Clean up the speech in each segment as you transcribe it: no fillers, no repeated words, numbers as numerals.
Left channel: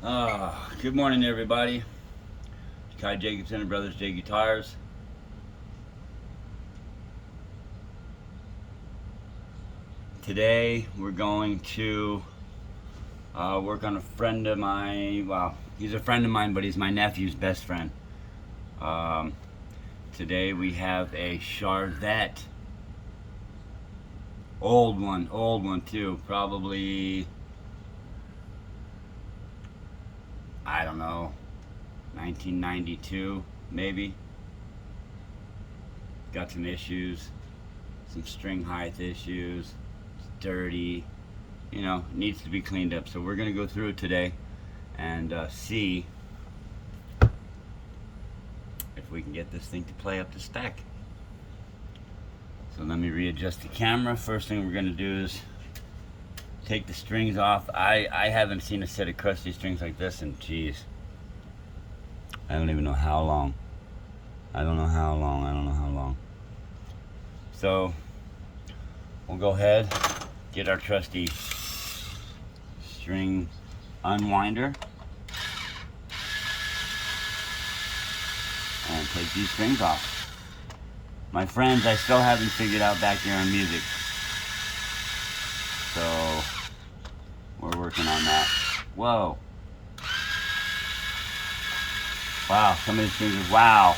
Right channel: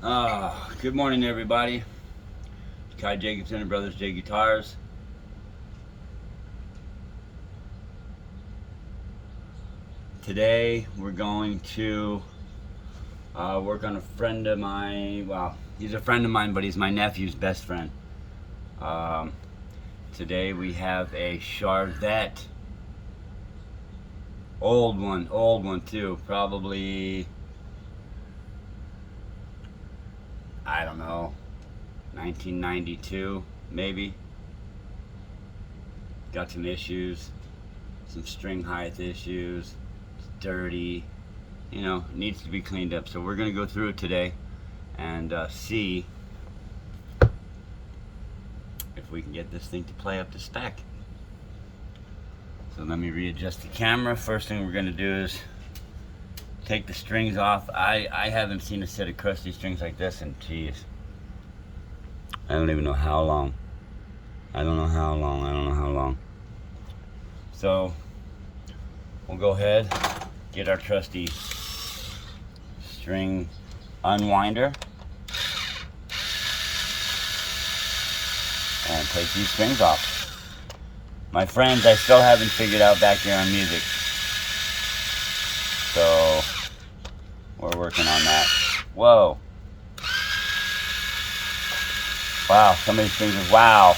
Good morning, everybody. Kai Jacobson and Brothers J Guitars. Today we're going to work on a friend of mine. Well, he's a friend of mine, but he's my nephew's best friend. Today we have a charvette. Old one too. Probably, I don't know, 1992 maybe. Got some issues, some string height issues. It's dirty, needs to be cleaned up. So we're gonna go through it today and see if we can get this thing to play up to spec. So let me readjust the camera. First thing we're gonna do is take the strings off. I haven't seen a set of crusty strings like this in, geez, I don't even know how long. I don't know how long. So we'll go ahead, get our trusty string unwinder, and take these strings off. My friends, I still haven't figured out back here on music, so we're working on that. Whoa. Wow, some of these things are, wow.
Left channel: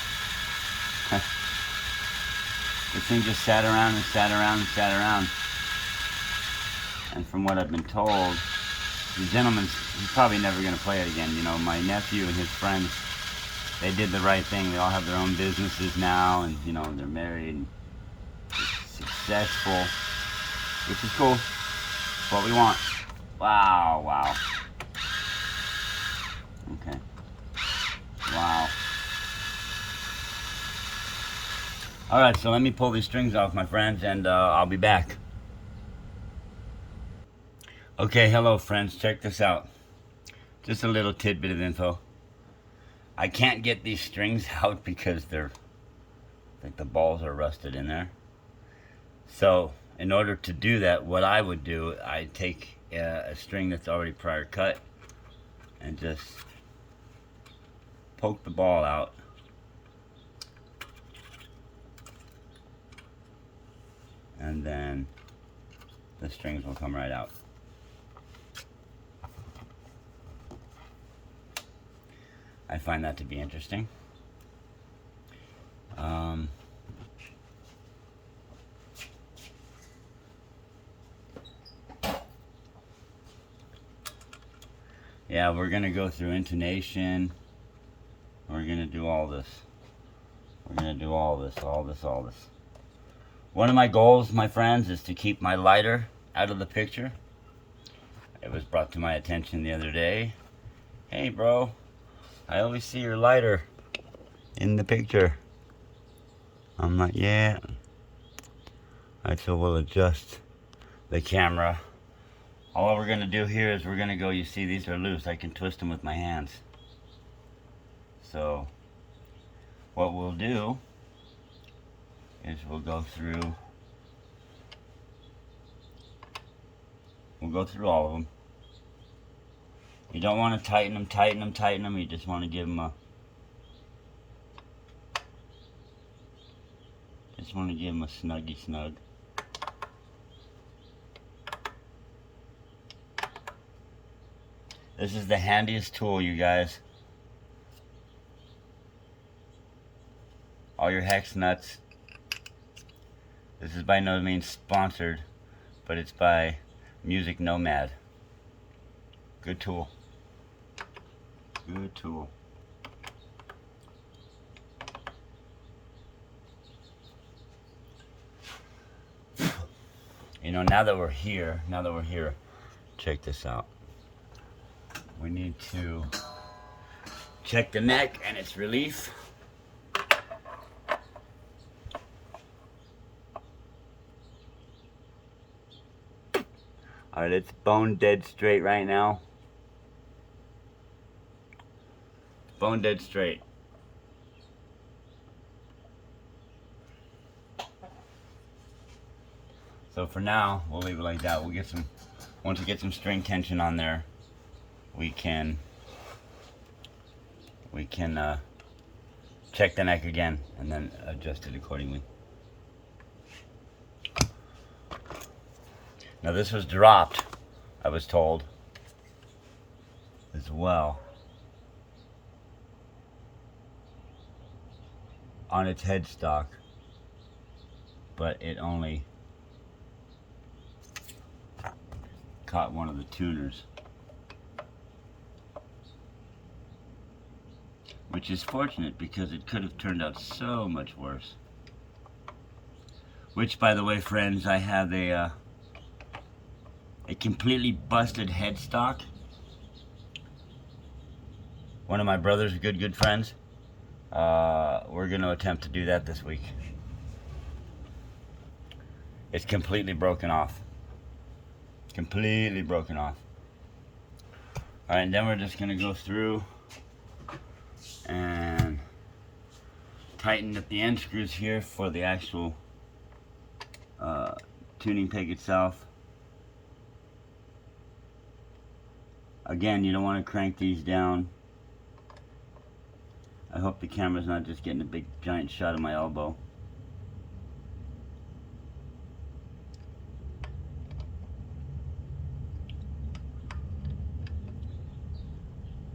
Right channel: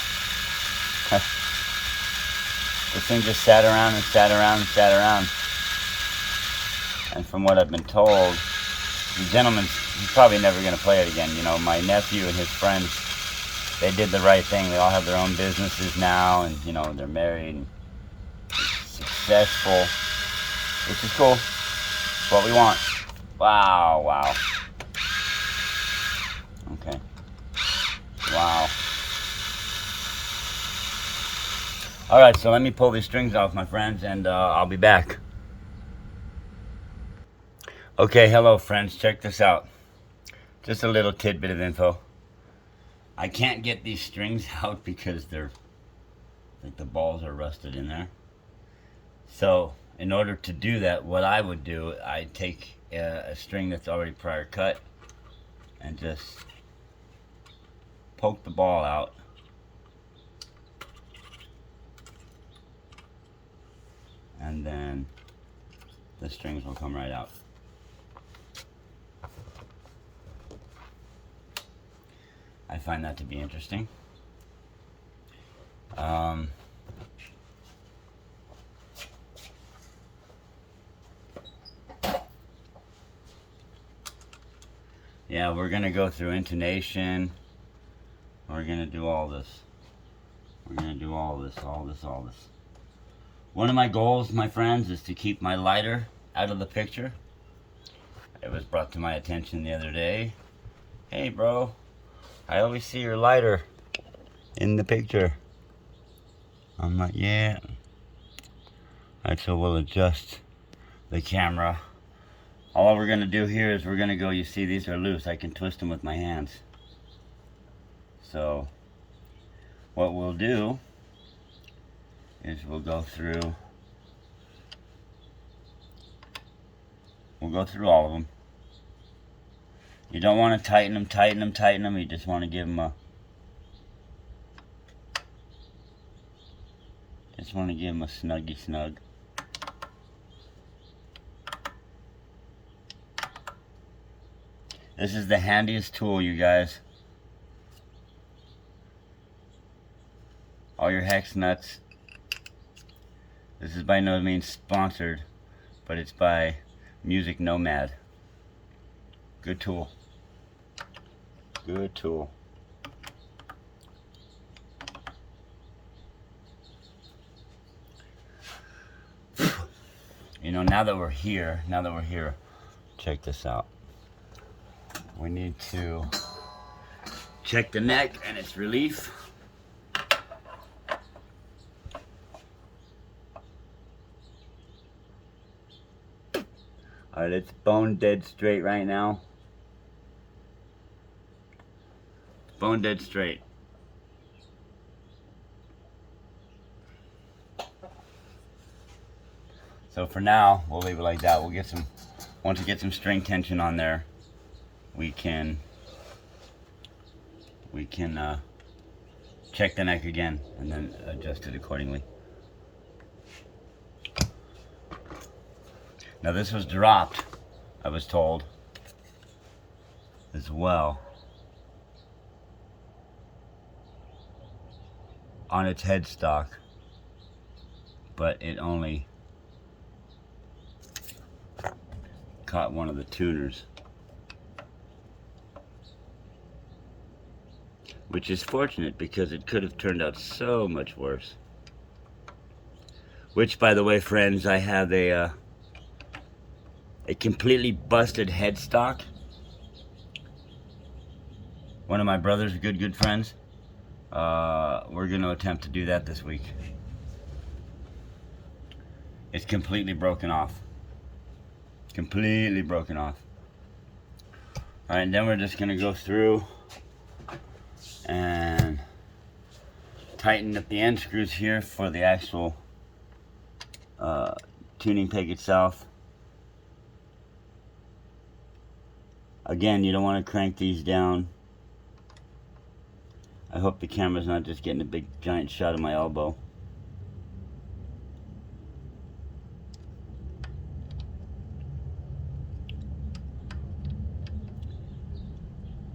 This thing just sat around and sat around and sat around. And from what I've been told, the gentleman, he's probably never going to play it again. You know, my nephew and his friends, they did the right thing. They all have their own businesses now, and, they're married and successful, which is cool. It's what we want. Wow. Okay. Wow. Alright, so let me pull these strings off, my friends, and I'll be back. Okay, hello friends, check this out. Just a little tidbit of info. I can't get these strings out because I think the balls are rusted in there. So, in order to do that, what I would do, I'd take a string that's already prior cut and just poke the ball out. And then the strings will come right out. I find that to be interesting. Yeah, we're gonna go through intonation. We're gonna do all this. All this. One of my goals, my friends, is to keep my lighter out of the picture. It was brought to my attention the other day. Hey, bro, I always see your lighter in the picture. I'm like, yeah. Alright, so we'll adjust the camera. All we're gonna do here is we're gonna go, you see these are loose. I can twist them with my hands. So, what we'll do is we'll go through all of them. You don't want to tighten them. You just want to give them a snuggy snug. This is the handiest tool, you guys. All your hex nuts. This is by no means sponsored, but it's by Music Nomad. Good tool. Now that we're here, check this out. We need to check the neck and its relief. Alright, it's bone dead straight right now. Bone dead straight. So for now, we'll leave it like that. We'll get some, once we get some string tension on there, we can we can check the neck again and then adjust it accordingly. Now this was dropped, I was told, as well, on its headstock, but it only caught one of the tuners, which is fortunate because it could have turned out so much worse. Which, by the way, friends, I have a completely busted headstock. One of my brother's good friends. We're going to attempt to do that this week. It's completely broken off. Completely broken off. Alright, and then we're just going to go through and tighten up the end screws here for the actual tuning peg itself. Again, you don't want to crank these down. I hope the camera's not just getting a big giant shot of my elbow.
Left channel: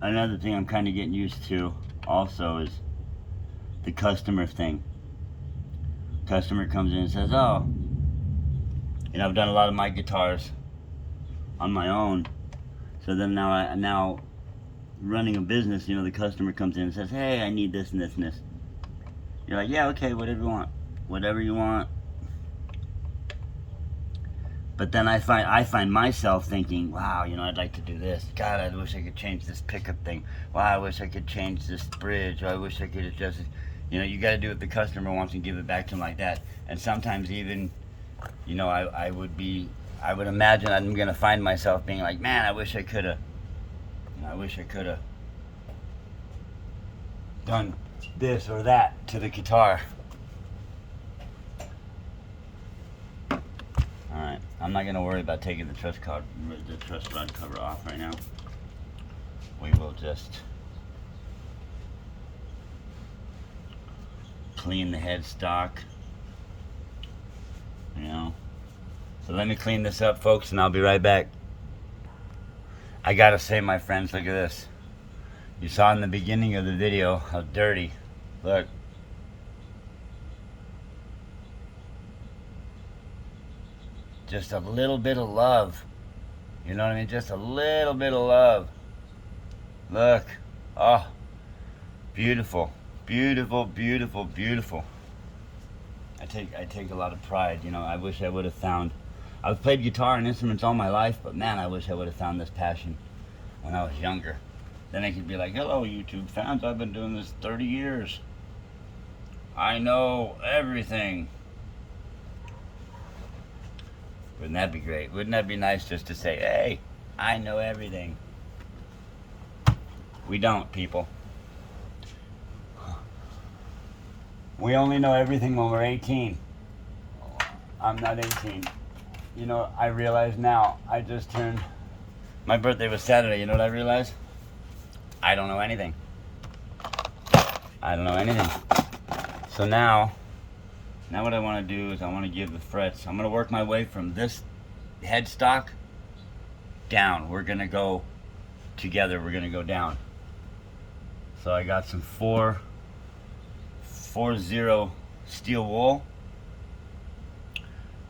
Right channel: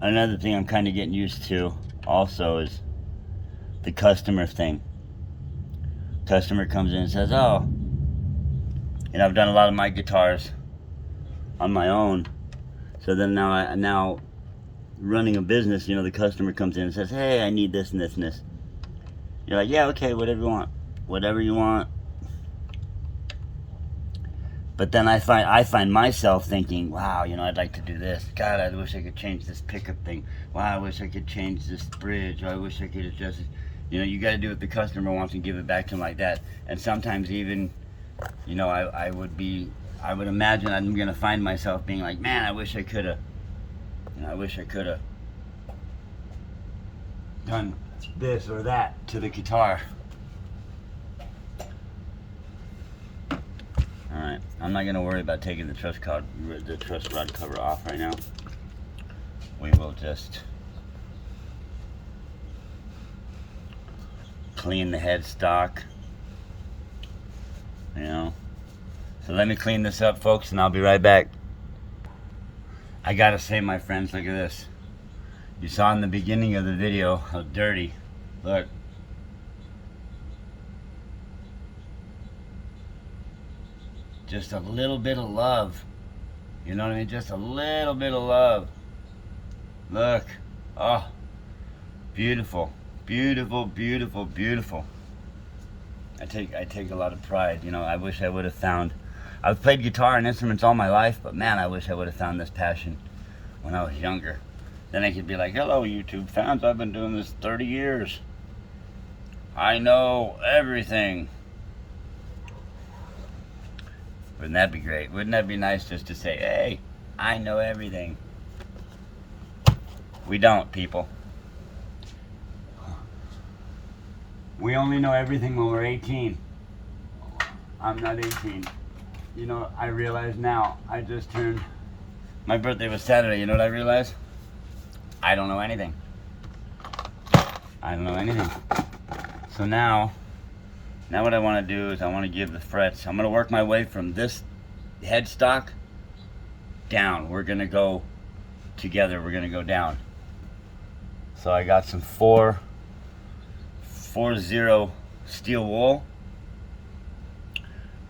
Another thing I'm kind of getting used to also is the customer thing. Customer comes in and says, oh, and I've done a lot of my guitars on my own. So then now running a business, you know, the customer comes in and says, hey, I need this and this and this. You're like, yeah, okay, whatever you want. Whatever you want. But then I find myself thinking, wow, you know, I'd like to do this. God, I wish I could change this pickup thing. Wow, I wish I could change this bridge. Or I wish I could adjust it. You know, you got to do what the customer wants and give it back to them like that. And sometimes even, you know, I would imagine I'm going to find myself being like, man, I wish I could have, you know, I wish I could have done this or that to the guitar. Alright, I'm not going to worry about taking the truss rod cover off right now. We will just clean the headstock, you know. So let me clean this up, folks, and I'll be right back. I gotta say, my friends, look at this. You saw in the beginning of the video how dirty. Look. Just a little bit of love. You know what I mean? Just a little bit of love. Look. Oh. Beautiful. Beautiful, beautiful, beautiful. I take a lot of pride. You know, I wish I would have found... I've played guitar and instruments all my life, but man, I wish I would have found this passion when I was younger. Then I could be like, hello, YouTube fans. I've been doing this 30 years. I know everything. Wouldn't that be great? Wouldn't that be nice just to say, hey, I know everything? We don't, people. We only know everything when we're 18. I'm not 18. You know, I realize now, I just turned, my birthday was Saturday, you know what I realized? I don't know anything. I don't know anything. So now what I want to do is I want to give the frets, I'm going to work my way from this headstock down. We're going to go together, we're going to go down. So I got some 4-0 steel wool.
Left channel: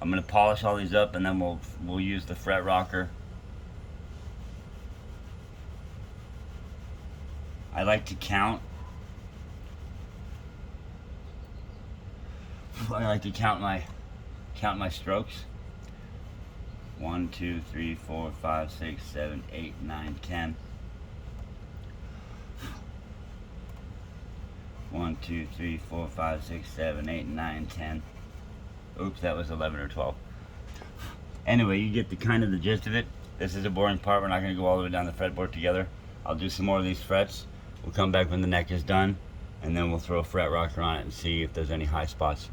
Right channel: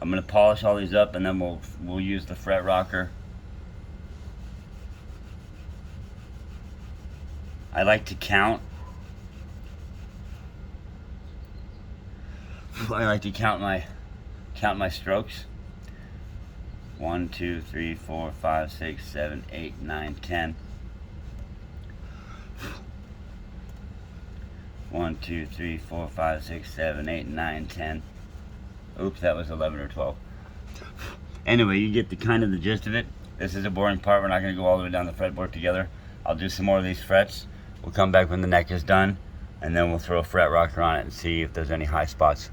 I'm going to polish all these up and then we'll use the fret rocker. I like to count. I like to count my strokes. 1, 2, 3, 4, 5, 6, 7, 8, 9, 10. 1, 2, 3, 4, 5, 6, 7, 8, 9, 10. Oops, that was 11 or 12. Anyway, you get the kind of the gist of it. This is a boring part. We're not going to go all the way down the fretboard together. I'll do some more of these frets. We'll come back when the neck is done, and then we'll throw a fret rocker on it and see if there's any high spots.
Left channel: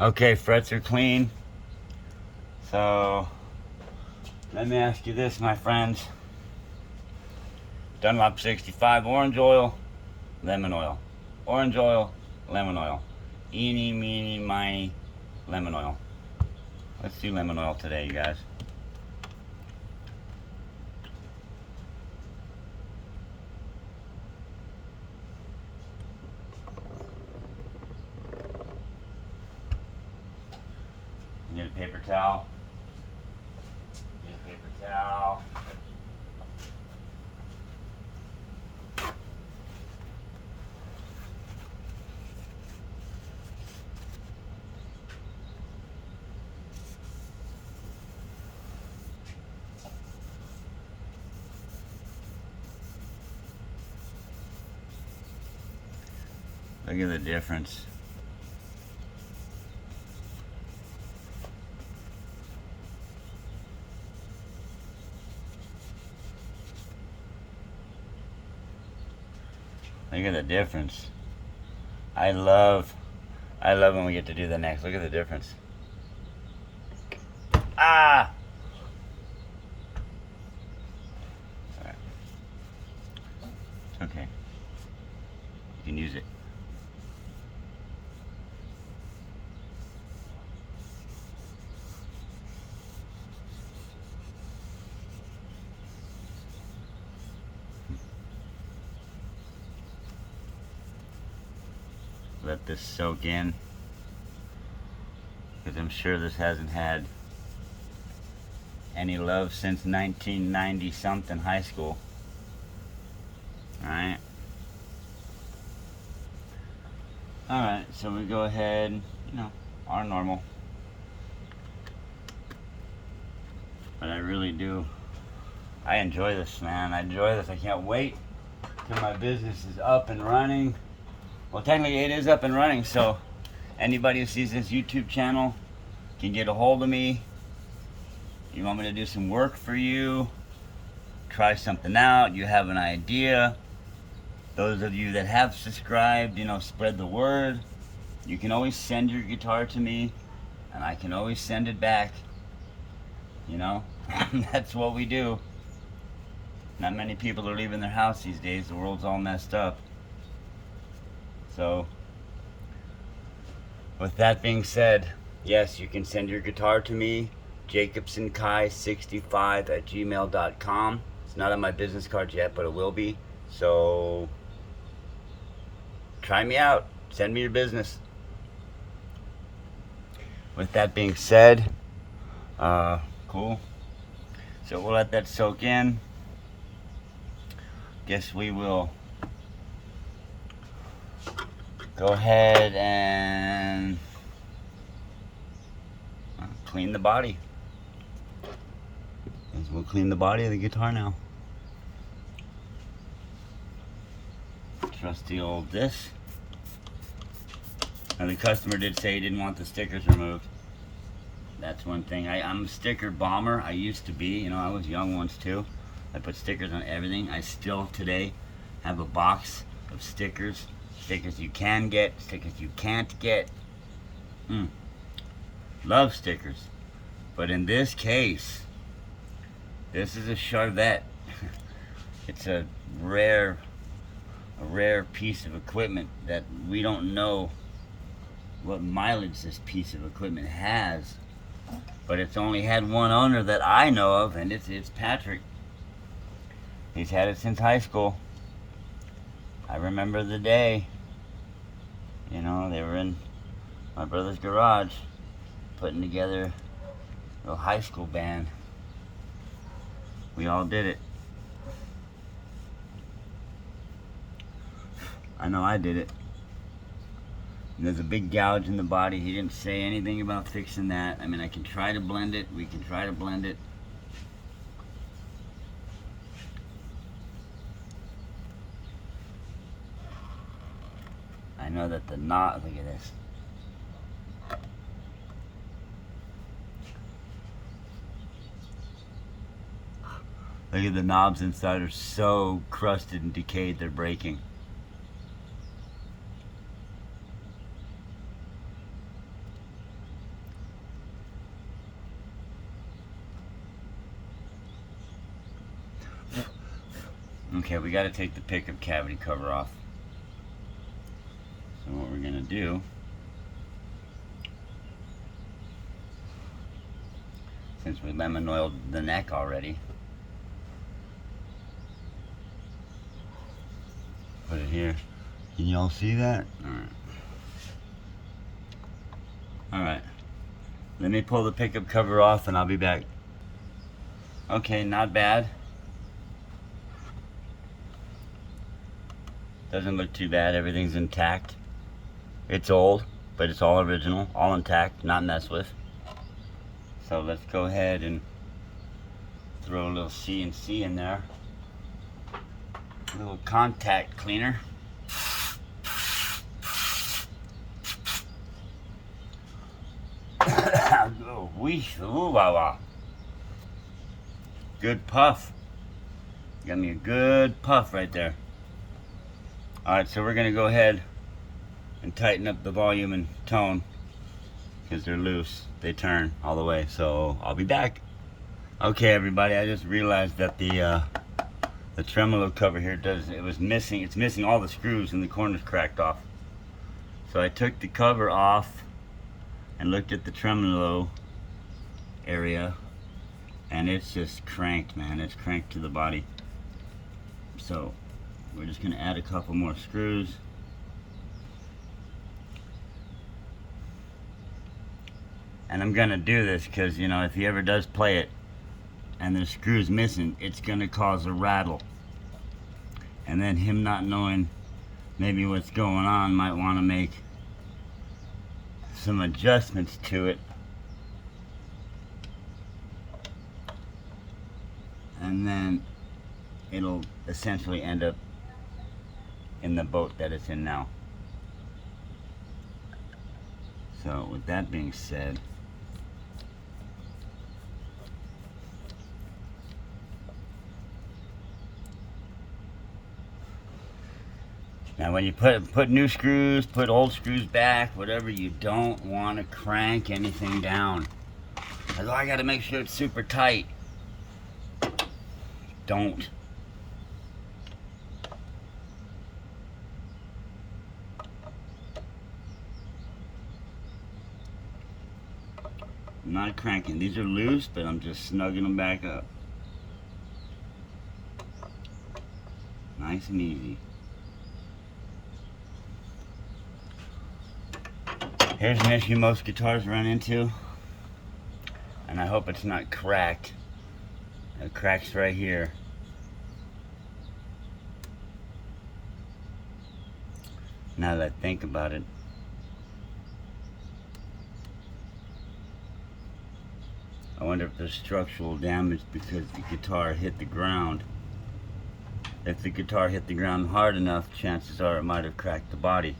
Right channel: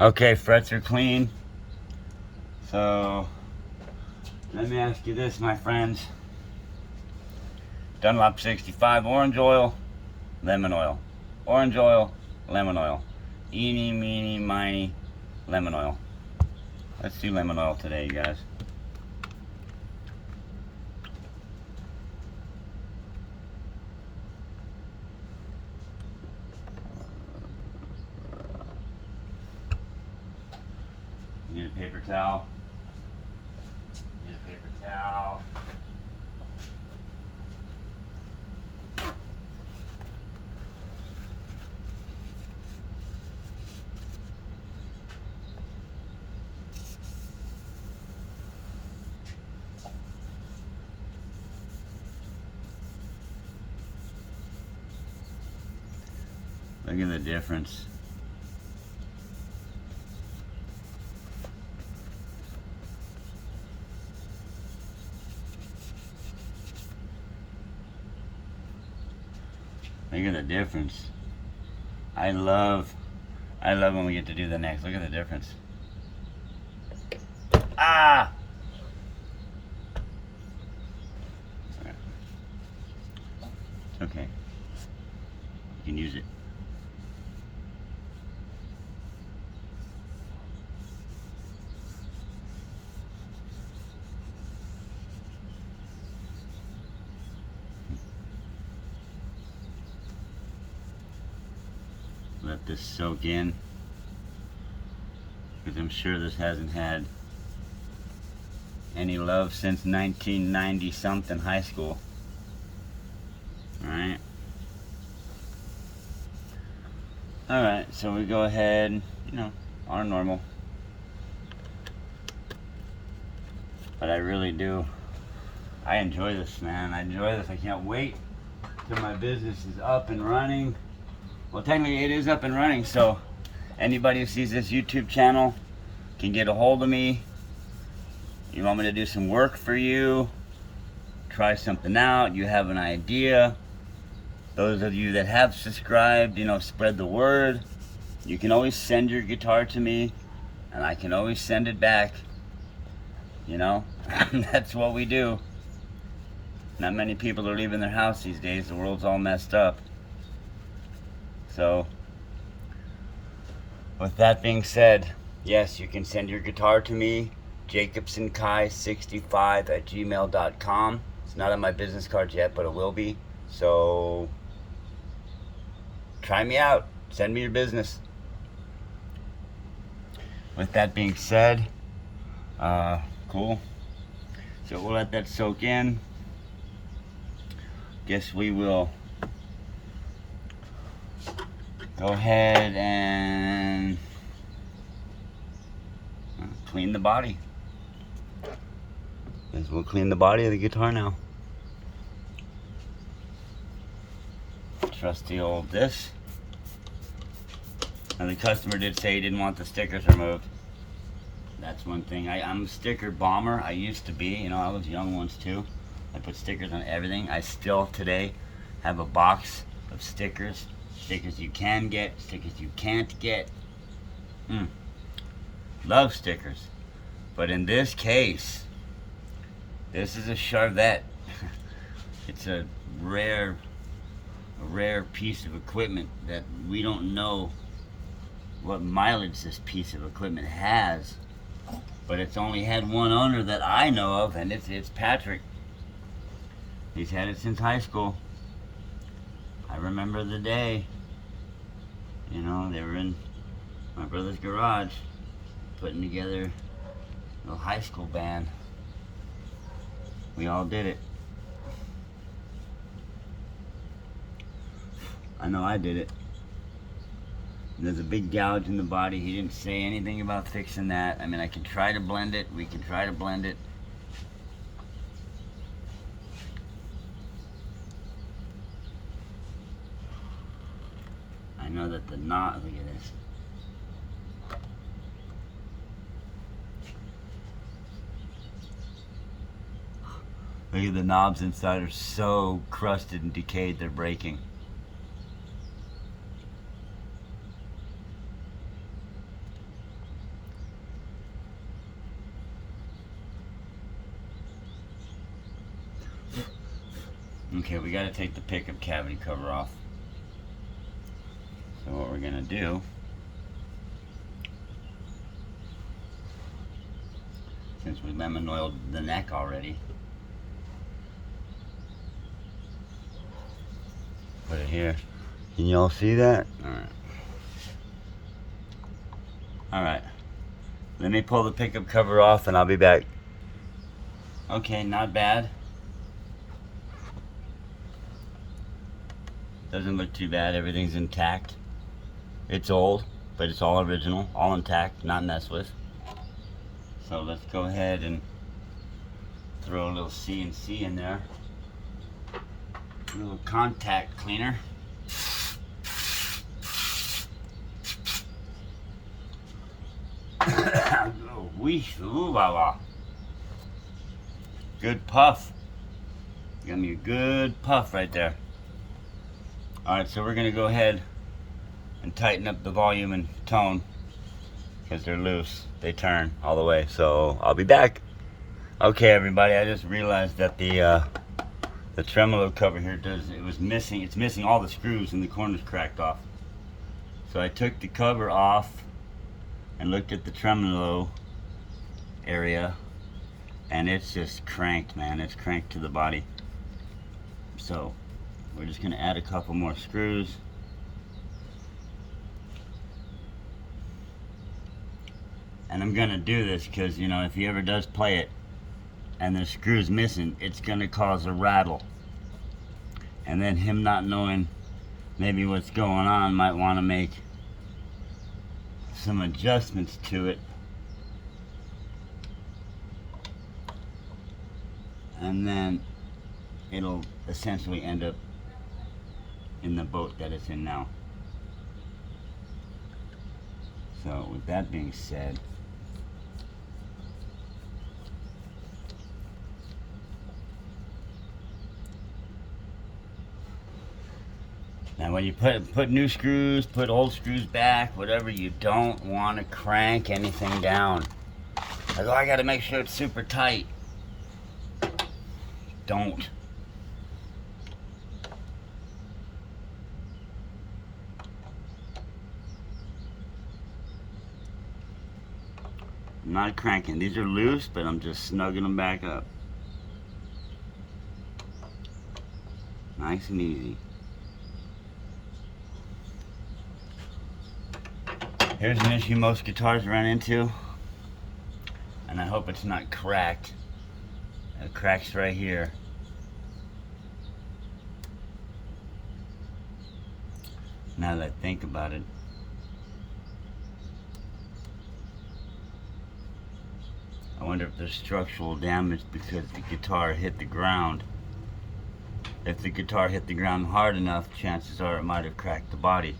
Okay, frets are clean. So, let me ask you this, my friends. Dunlop 65, orange oil, lemon oil. Orange oil, lemon oil. Eeny, meeny, miny, lemon oil. Let's do lemon oil today, you guys. Get a paper towel. Get a paper towel. Look at the difference. Look at the difference. I love when we get to do the next. Look at the difference. Ah! Alright. It's okay. You can use it. Let this soak in, because I'm sure this hasn't had any love since 1990 something high school. Alright. Alright, so we go ahead, you know, our normal. But I really do. I enjoy this, man. I enjoy this. I can't wait till my business is up and running. Well, technically it is up and running, so anybody who sees this YouTube channel can get a hold of me. You want me to do some work for you, try something out, you have an idea. Those of you that have subscribed, you know, spread the word. You can always send your guitar to me, and I can always send it back. You know, that's what we do. Not many people are leaving their house these days. The world's all messed up. So, with that being said, yes, you can send your guitar to me, jacobsonkai65@gmail.com. It's not on my business cards yet, but it will be. So, try me out. Send me your business. With that being said, cool. So we'll let that soak in. Guess we will go ahead and clean the body. Guess we'll clean the body of the guitar now. Trusty old this. And the customer did say he didn't want the stickers removed. That's one thing. I'm a sticker bomber. I used to be. You know, I was young once too. I put stickers on everything. I still today have a box of stickers. Stickers you can get, stickers you can't get. Love stickers. But in this case, this is a charvette. It's a rare piece of equipment that we don't know what mileage this piece of equipment has. But it's only had one owner that I know of, and it's Patrick. He's had it since high school. I remember the day. You know, they were in my brother's garage putting together a little high school band. We all did it. I know I did it. And there's a big gouge in the body. He didn't say anything about fixing that. I mean, I can try to blend it. We can try to blend it. I know that the knot, look at this. Look at the knobs inside are so crusted and decayed, they're breaking. Okay, we got to take the pickup cavity cover off. So what we're going to do, since we lemon oiled the neck already, put it here. Can you all see that? Alright. Let me pull the pickup cover off and I'll be back. Okay, not bad. Doesn't look too bad. Everything's intact. It's old, but it's all original, all intact, not messed with. So let's go ahead and throw a little CNC in there. A little contact cleaner. Ooh, la, la. Good puff. Got me a good puff right there. Alright, so we're going to go ahead and tighten up the volume and tone because they're loose. They turn all the way. So I'll be back. Okay, everybody, I just realized that the tremolo cover here it's missing all the screws and the corners cracked off. So I took the cover off and looked at the tremolo area, and it's just cranked, man. It's cranked to the body. So we're just gonna add a couple more screws. And I'm gonna do this because, you know, if he ever does play it and the screw's missing, it's gonna cause a rattle. And then him not knowing maybe what's going on might want to make some adjustments to it. And then it'll essentially end up in the boat that it's in now. So with that being said, now when you put new screws, put old screws back, whatever, you don't want to crank anything down. Like, oh, I got to make sure it's super tight. Don't. I'm not cranking. These are loose, but I'm just snugging them back up. Nice and easy. Here's an issue most guitars run into, and I hope it's not cracked. It cracks right here. Now that I think about it, I wonder if there's structural damage because the guitar hit the ground. If the guitar hit the ground hard enough, chances are it might have cracked the body.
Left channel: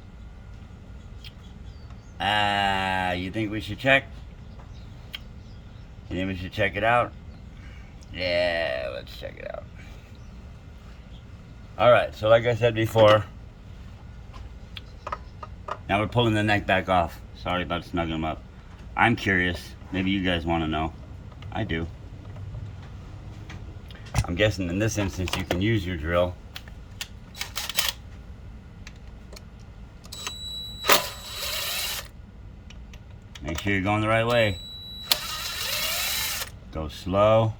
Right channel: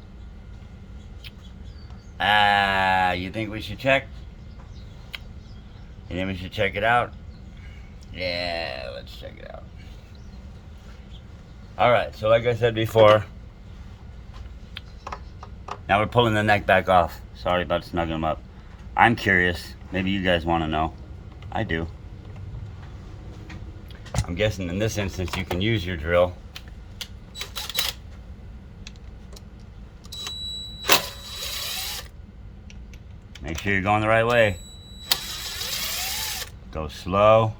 You think we should check? You think we should check it out? Yeah, let's check it out. Alright, so like I said before, now we're pulling the neck back off. Sorry about snugging them up. I'm curious. Maybe you guys want to know. I do. I'm guessing in this instance you can use your drill. Make sure you're going the right way. Go slow.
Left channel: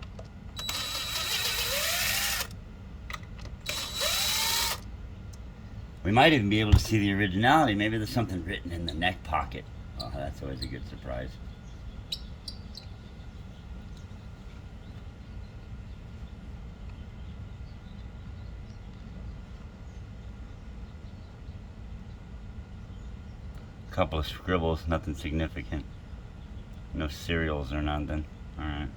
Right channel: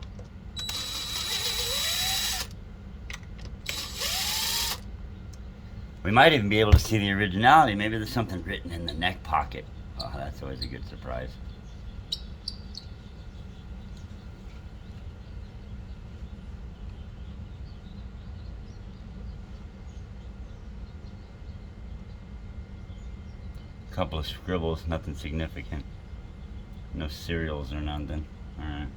We might even be able to see the originality. Maybe there's something written in the neck pocket. Oh, that's always a good surprise. Couple of scribbles, nothing significant. No serials or nothing. Alright.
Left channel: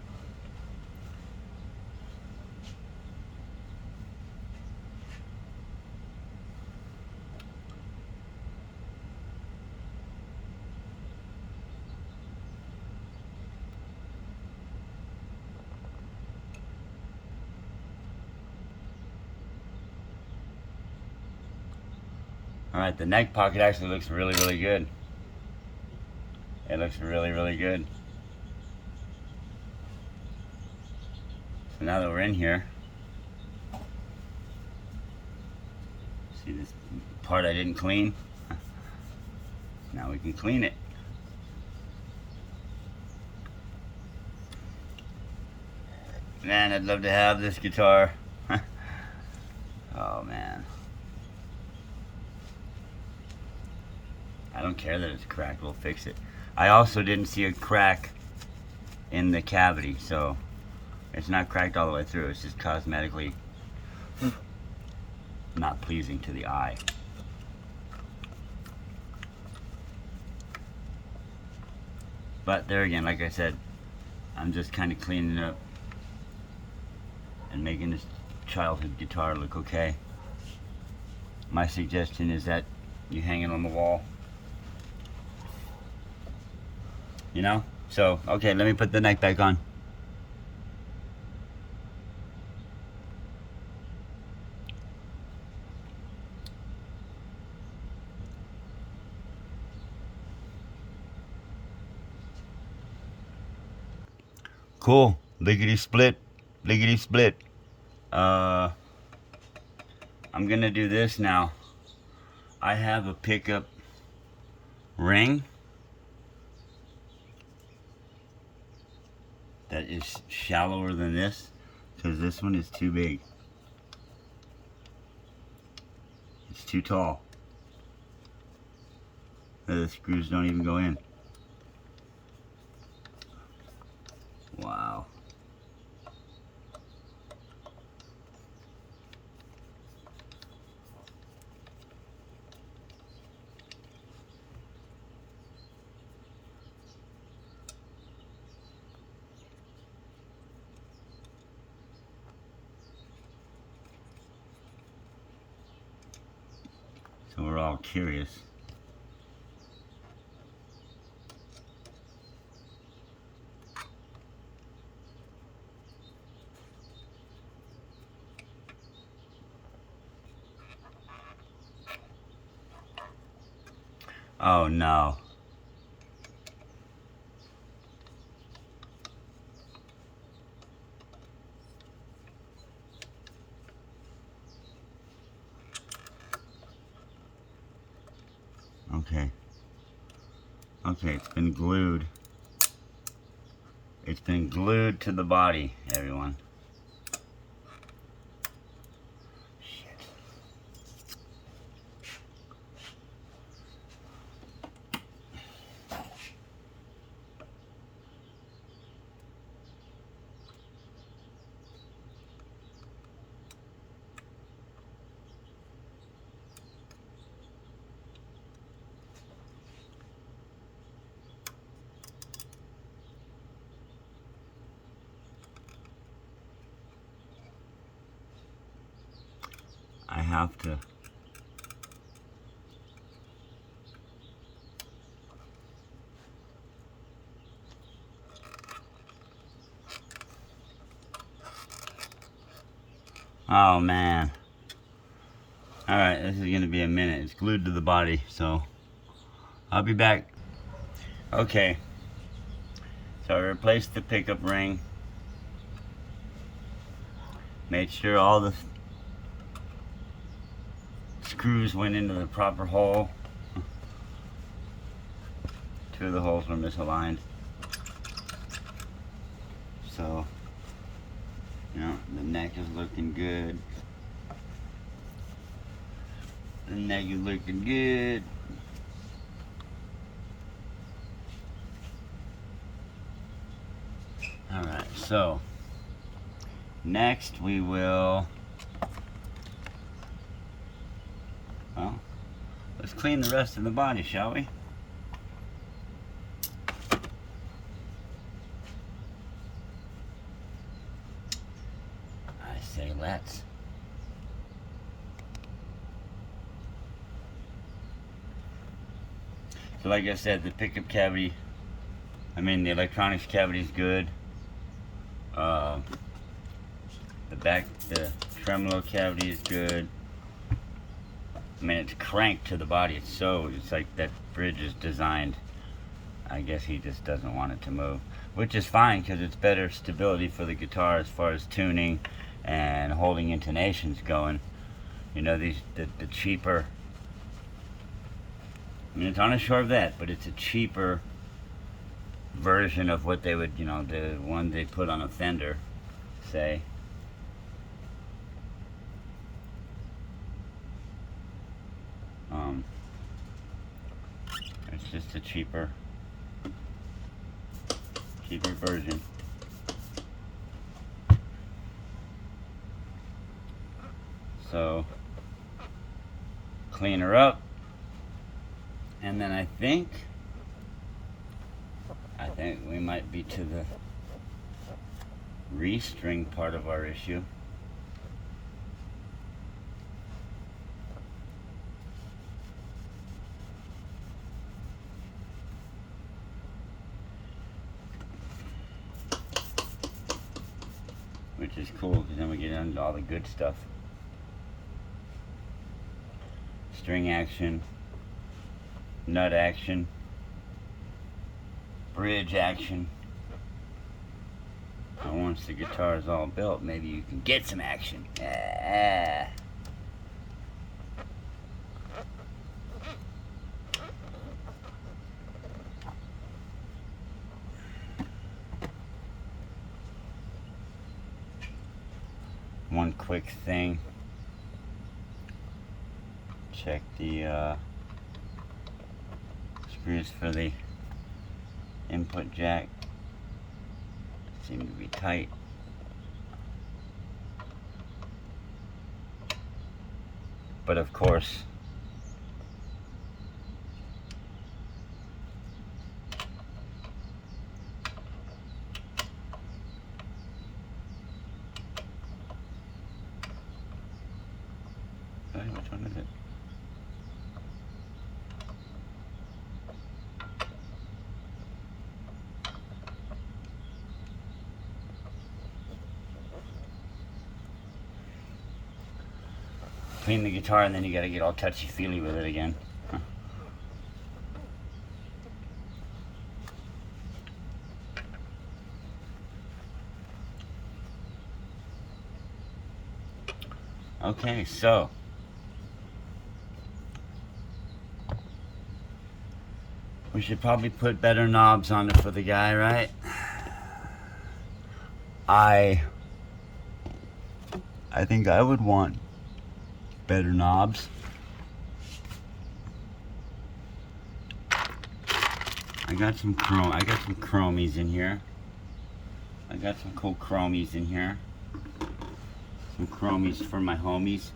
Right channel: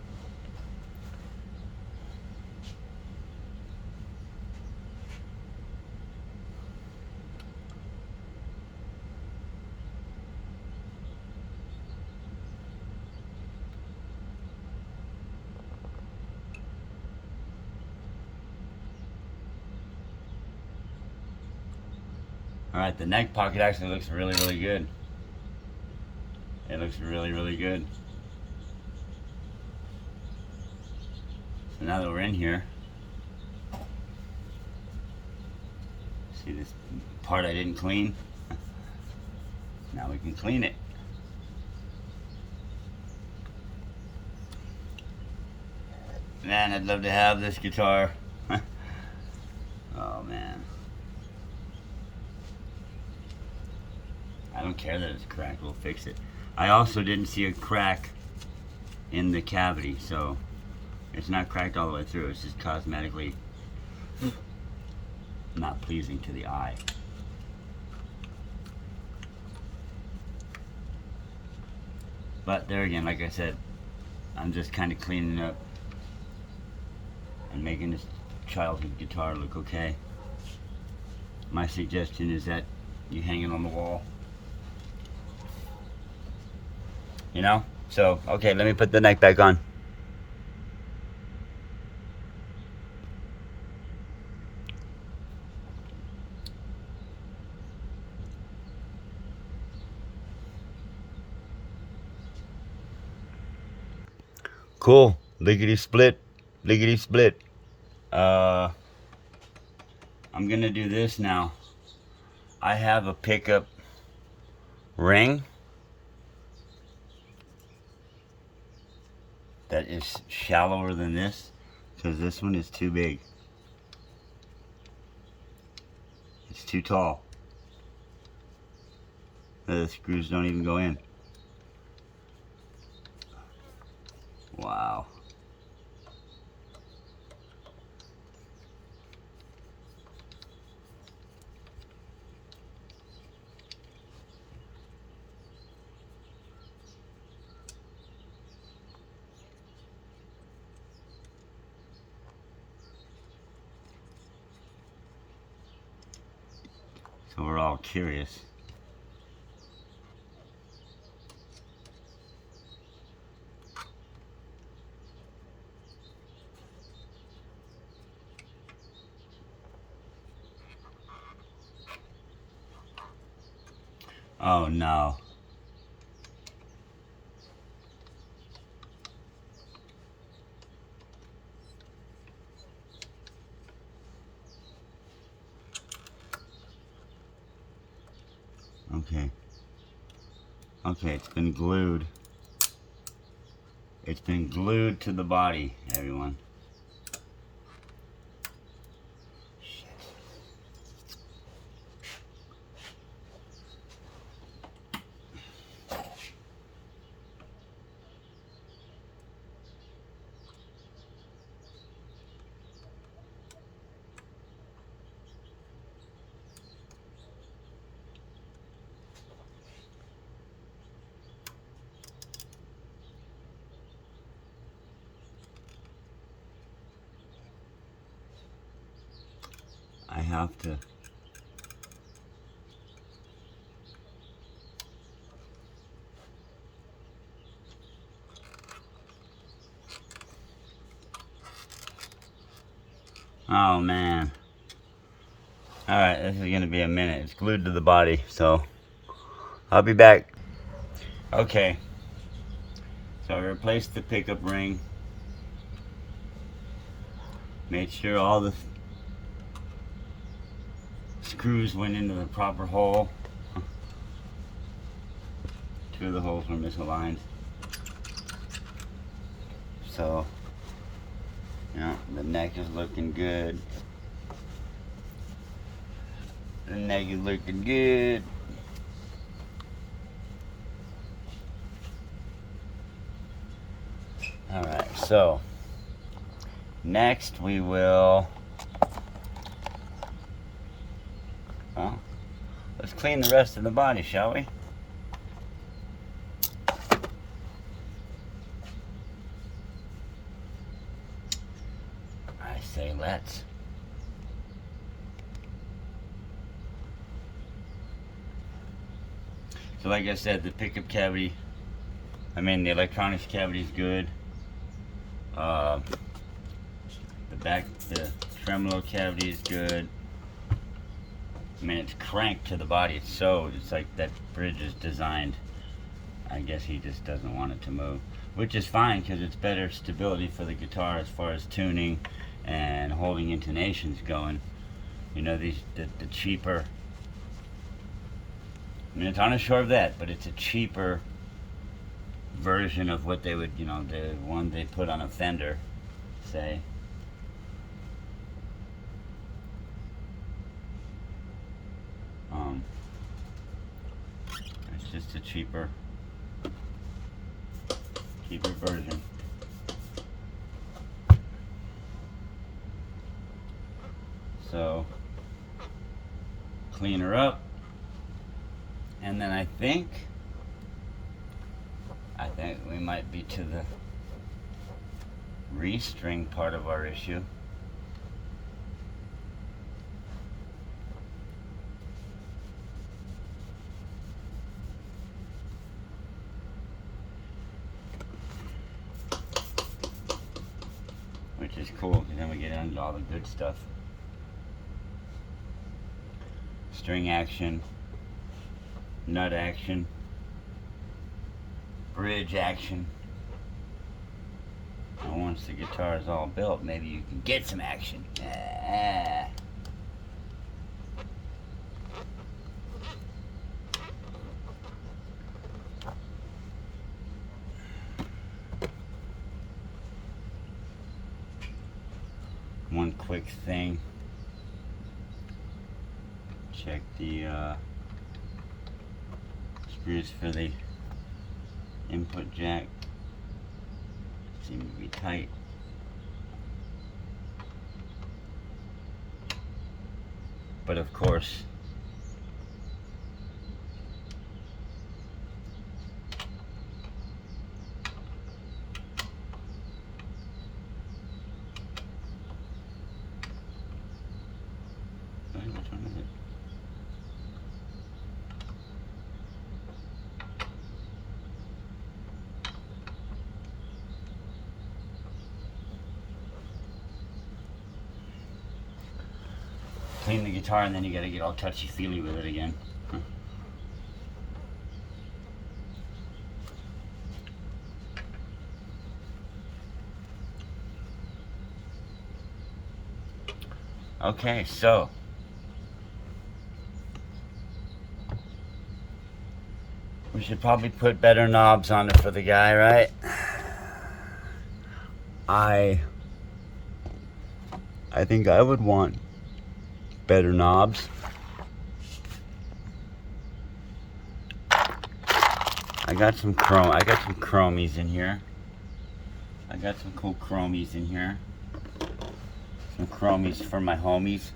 Alright, the neck pocket actually looks really, really good. It looks really, really good. So now that we're in here, See this part I didn't clean? Now we can clean it. Man, I'd love to have this guitar. Oh man. I don't care that it's cracked, we'll fix it. I also didn't see a crack in the cavity, so it's not cracked all the way through. It's just cosmetically not pleasing to the eye. But there again, like I said, I'm just kind of cleaning up and making this childhood guitar look okay. My suggestion is that you hang it on the wall. You know? So, okay, let me put the neck back on. Cool. Lickety split. Lickety split. I'm gonna do this now. I have a pickup ring that is shallower than this because this one is too big. It's too tall. The screws don't even go in. Wow. So we're all curious. Oh no. Okay. Okay, it's been glued. It's been glued to the body, everyone. I have to. Oh man. Alright, this is gonna be a minute. It's glued to the body, so I'll be back. Okay. So I replaced the pickup ring. Made sure all the screws went into the proper hole. Two of the holes were misaligned. So, you know, the neck is looking good. The neck is looking good. Alright, so next we will, well, let's clean the rest of the body, shall we? I say let's. So like I said, the pickup cavity, the electronics cavity is good. The tremolo cavity is good. It's cranked to the body. It's like that bridge is designed. I guess he just doesn't want it to move, which is fine because it's better stability for the guitar as far as tuning and holding intonations going. You know, the cheaper, I mean, it's on a charvette, but it's a cheaper version of what they would, you know, the one they put on a fender, say. It's just a cheaper version. So clean her up, and then I think we might be to the restring part of our issue. Which is cool, because then we get into all the good stuff. String action, nut action, bridge action. And once the guitar is all built, maybe you can get some action. Ah. One quick thing. Check the screws for the input jack. Seem to be tight. But of course, which one is it? Clean the guitar, and then you gotta get all touchy-feely with it again. Huh. Okay, so we should probably put better knobs on it for the guy, right? I think I would want better knobs. I got some chromies in here. I got some cool chromies in here. Some chromies for my homies.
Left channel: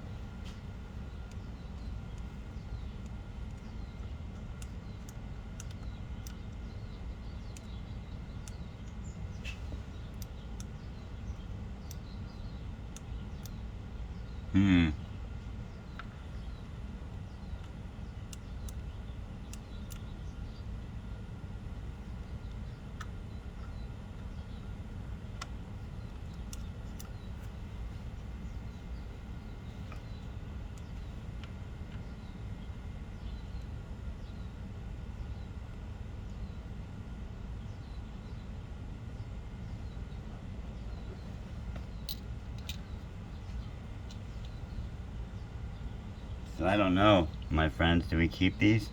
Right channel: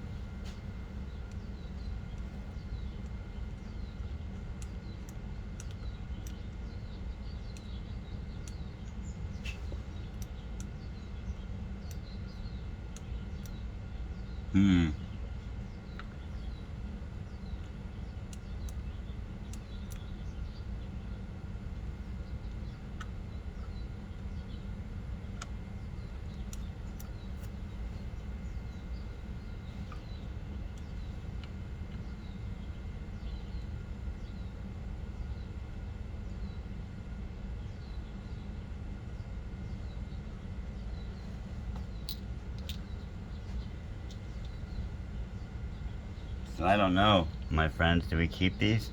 So I don't know, my friends, do we keep these?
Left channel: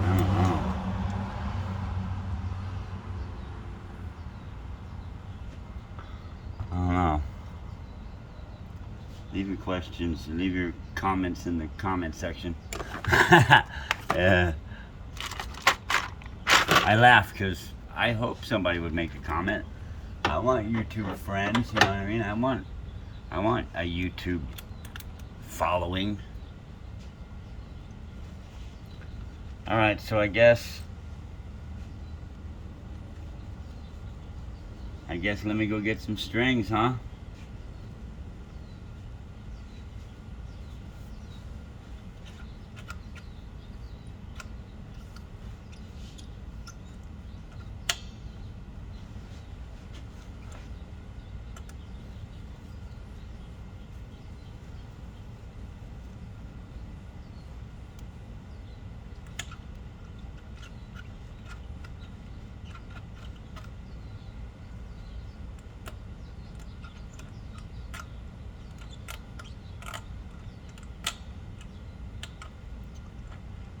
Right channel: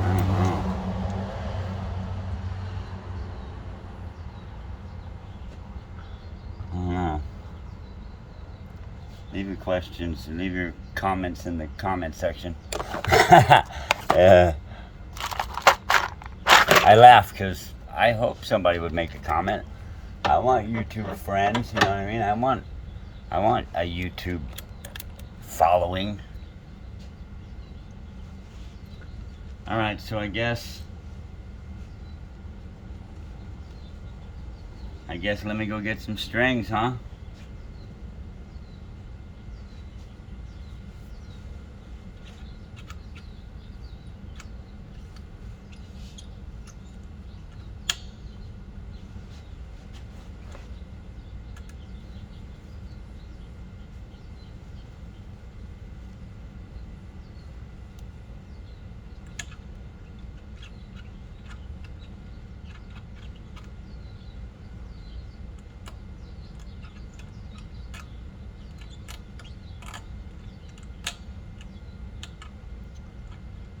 I don't know. I don't know. Leave your questions, leave your comments in the comment section. I laugh because I hope somebody would make a comment. I want YouTuber friends, you know what I mean? I want a YouTube following. Alright, so I guess let me go get some strings, huh?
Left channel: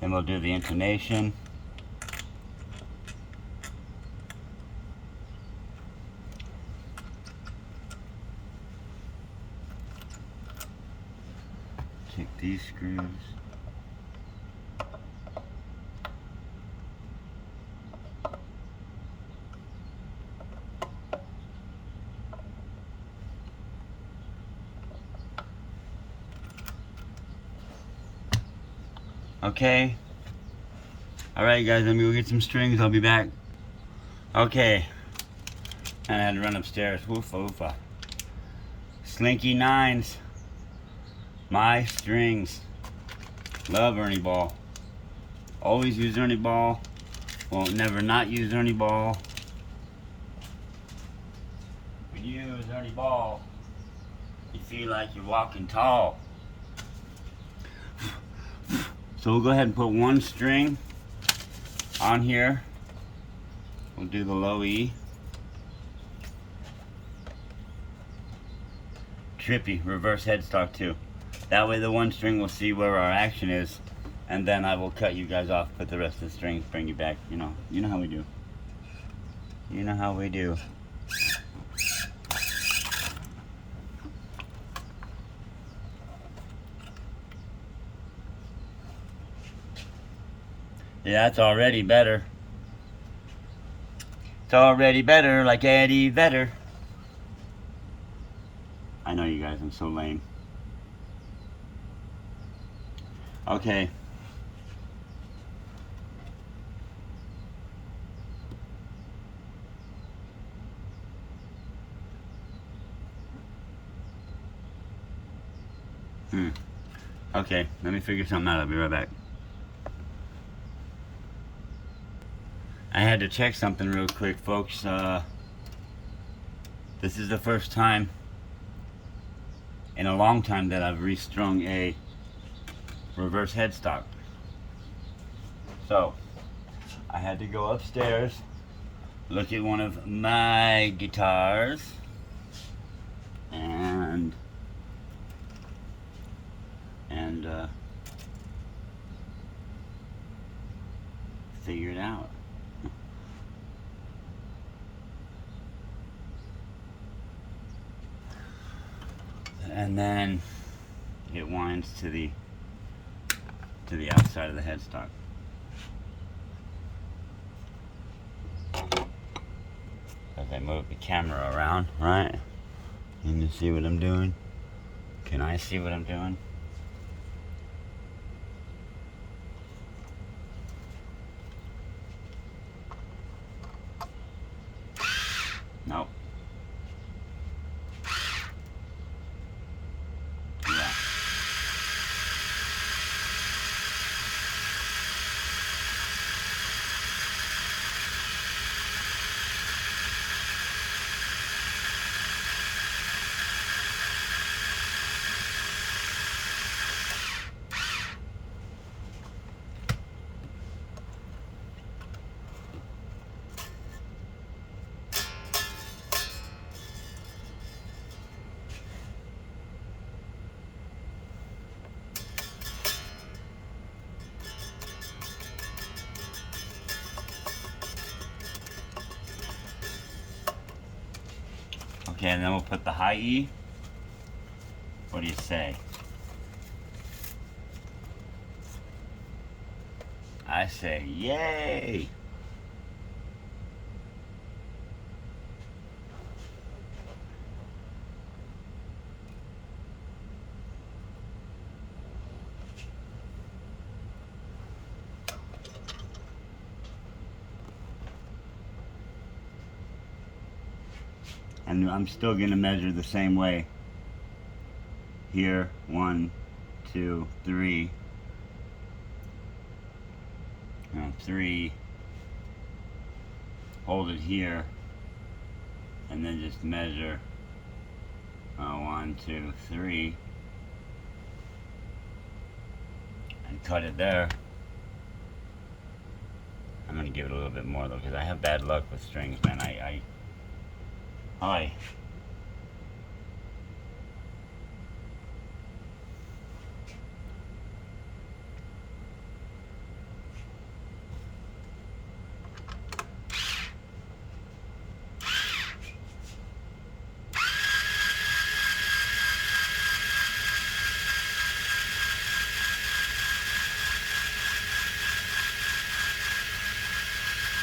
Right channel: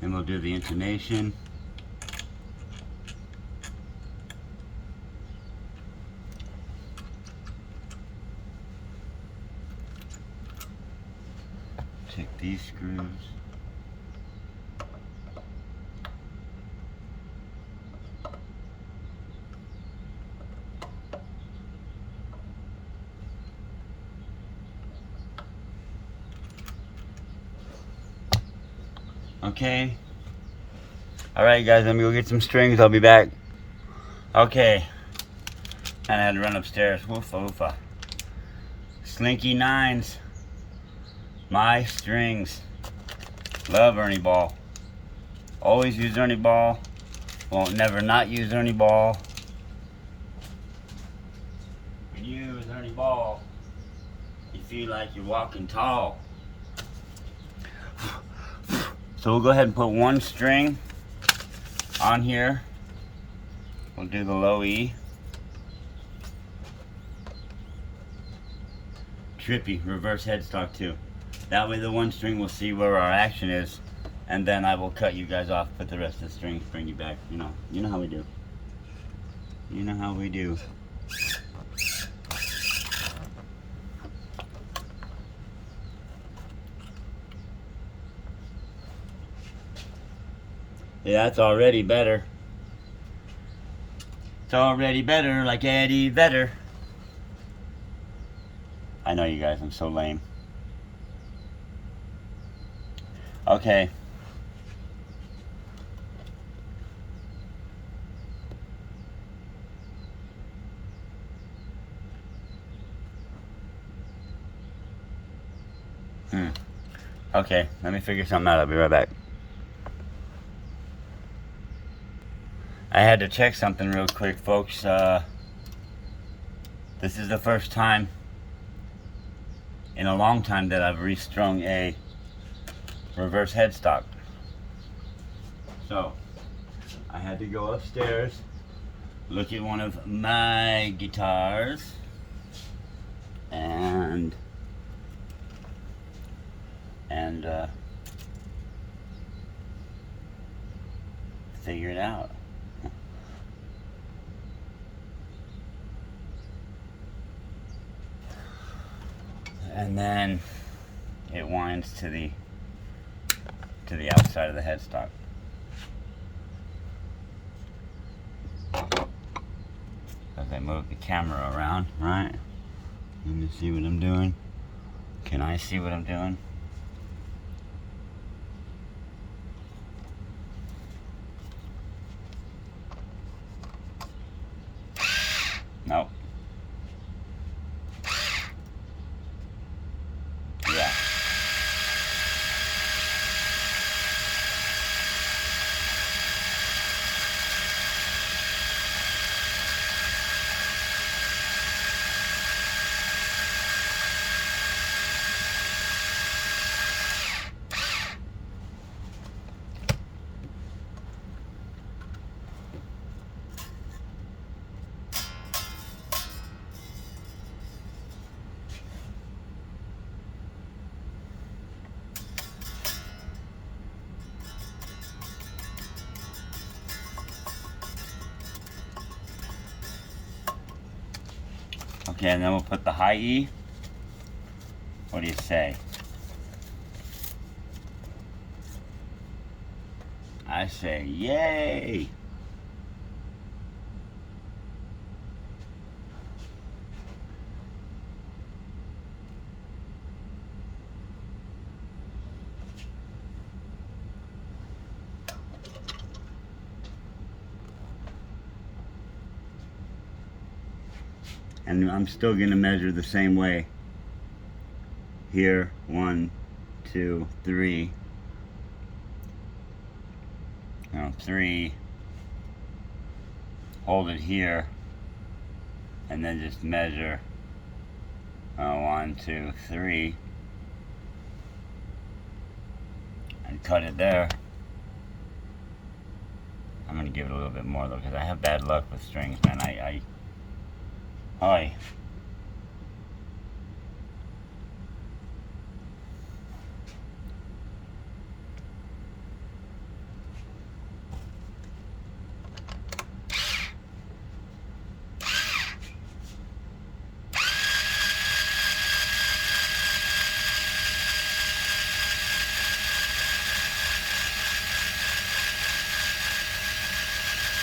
Then we'll do the intonation. Take these screws. Okay. Alright guys, let me go get some strings. I'll be back. Okay. And I had to run upstairs. Woofa woofa. Slinky Nines. My strings. Love Ernie Ball. Always use Ernie Ball. Won't never not use Ernie Ball. When you use Ernie Ball, you feel like you're walking tall. So we'll go ahead and put one string on here. We'll do the low E. Trippy, reverse headstock too. That way the one string will see where our action is, and then I will cut you guys off, put the rest of the strings, bring you back. You know how we do. You know how we do. Yeah, it's already better. It's already better, like Eddie Vedder. I know you guys, I'm so lame. Okay. Okay, let me figure something out. I'll be right back. I had to check something real quick, folks. This is the first time in a long time that I've restrung a reverse headstock. So, I had to go upstairs, look at one of my guitars, and figure it out. And then it winds to the outside of the headstock. As I move the camera around, right? Can you see what I'm doing? Can I see what I'm doing? Nope. Yeah. Okay, and then we'll put the high E. What do you say? I say, yay! And I'm still going to measure the same way. Here, 1, 2, 3. 3. Hold it here, and then just measure 1, 2, 3, and cut it there. I'm going to give it a little bit more though, because I have bad luck with strings, man. Hi.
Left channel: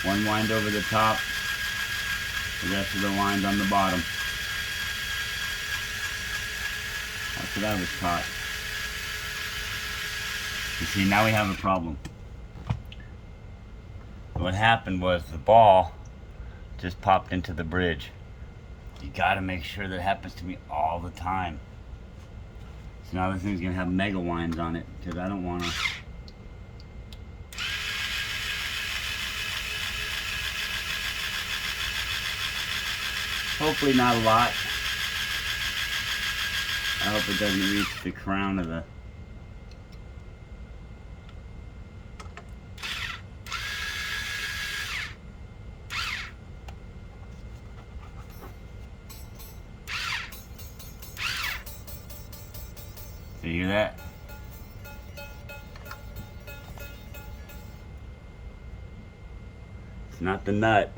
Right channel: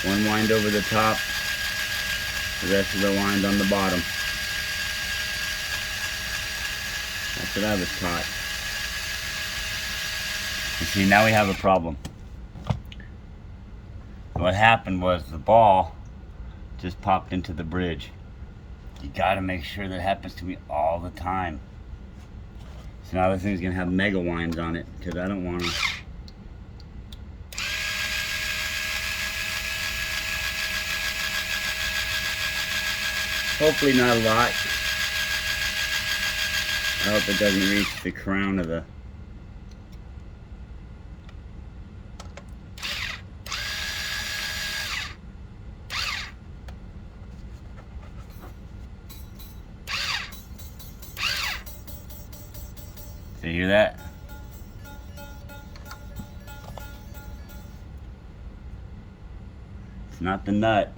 One wind over the top, the rest of the wind on the bottom. That's what I was taught. You see, now we have a problem. What happened was the ball just popped into the bridge. You gotta make sure that happens to me all the time. So now this thing's gonna have mega winds on it because I don't wanna. Hopefully not a lot. I hope it doesn't reach the crown of the. Do you hear that? It's not the nut.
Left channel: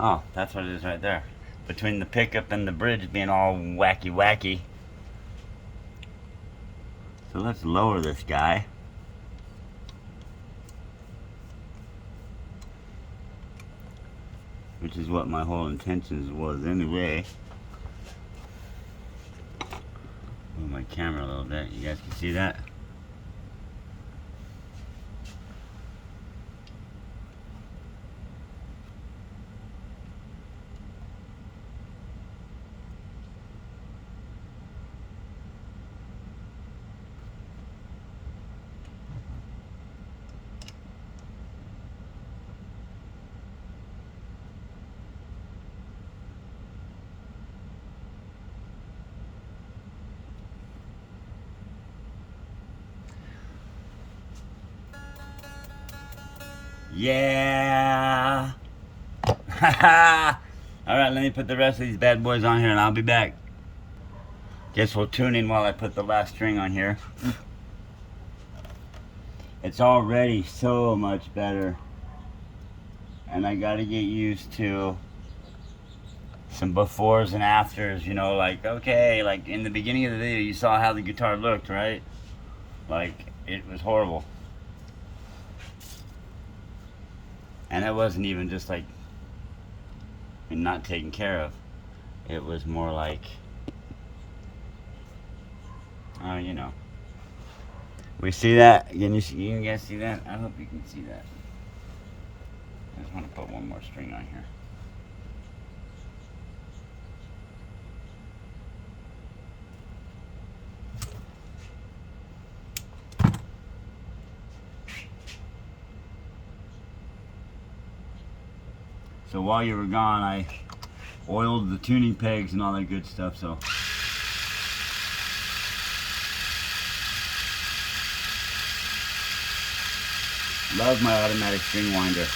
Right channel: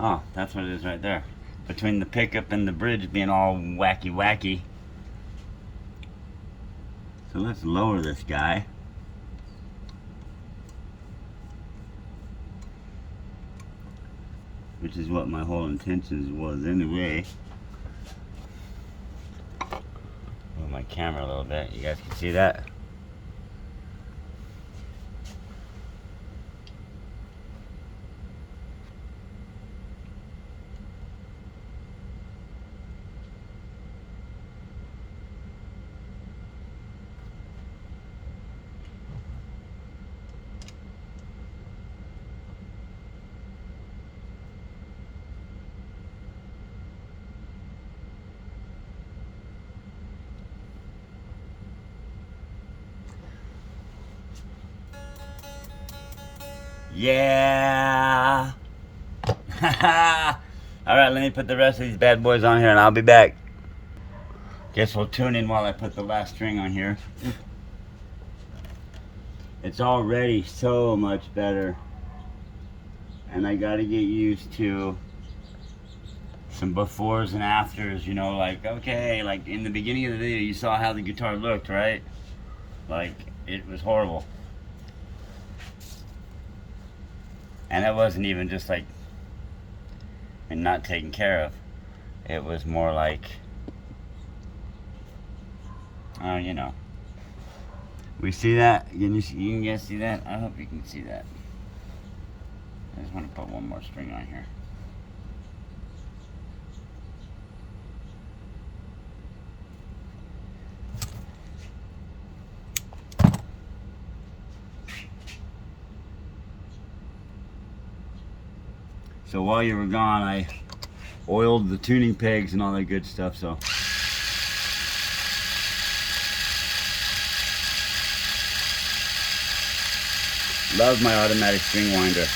Oh, that's what it is right there. Between the pickup and the bridge being all wacky. So let's lower this guy. Which is what my whole intentions was anyway. Move my camera a little bit. You guys can see that? Yeah. Alright, let me put the rest of these bad boys on here and I'll be back. Guess we'll tune in while I put the last string on here. It's already so much better. And I gotta get used to some befores and afters, you know, like, okay, like in the beginning of the video you saw how the guitar looked, right? Like, it was horrible. And it wasn't even just like and not taken care of. It was more like, oh, you know. We see that? Can you guys see that? I hope you can see that. I just want to put one more string on here. So while you were gone, I oiled the tuning pegs and all that good stuff, so. Love my automatic string winder.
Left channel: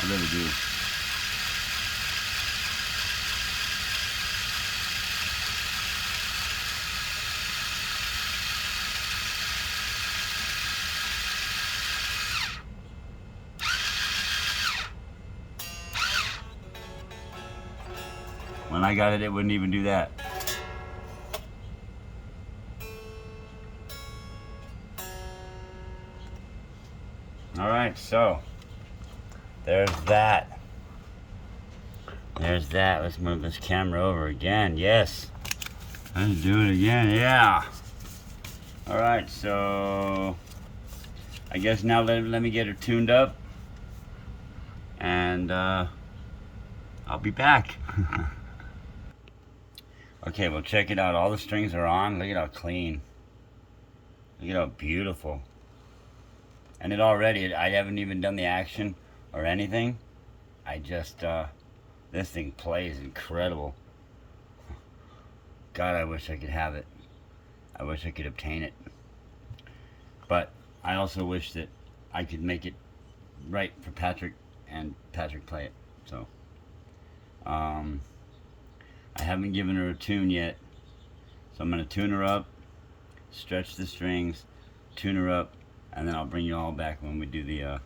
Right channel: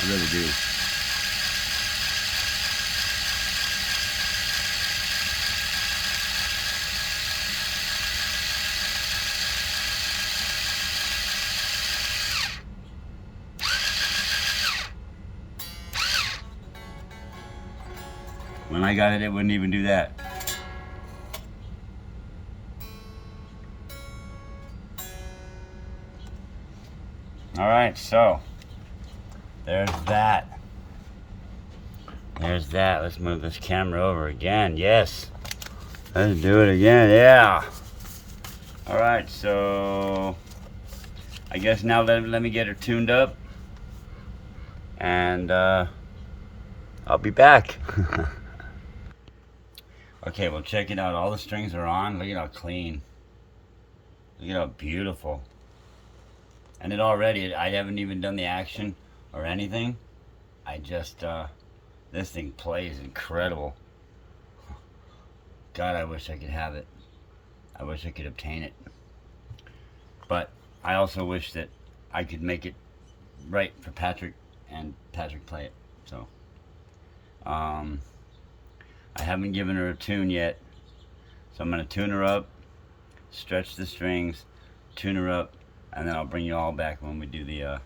I really do. When I got it, it wouldn't even do that. Alright, so there's that. There's that. Let's move this camera over again. Yes. Let's do it again. Yeah. Alright, so I guess now let me get her tuned up. And I'll be back. Okay, well, check it out. All the strings are on. Look at how clean. Look at how beautiful. And it already, I haven't even done the action or anything. I just, this thing plays incredible. God, I wish I could have it. I wish I could obtain it. But I also wish that I could make it right for Patrick and Patrick play it. So, I haven't given her a tune yet, so I'm going to tune her up, stretch the strings, tune her up, and then I'll bring you all back when we do the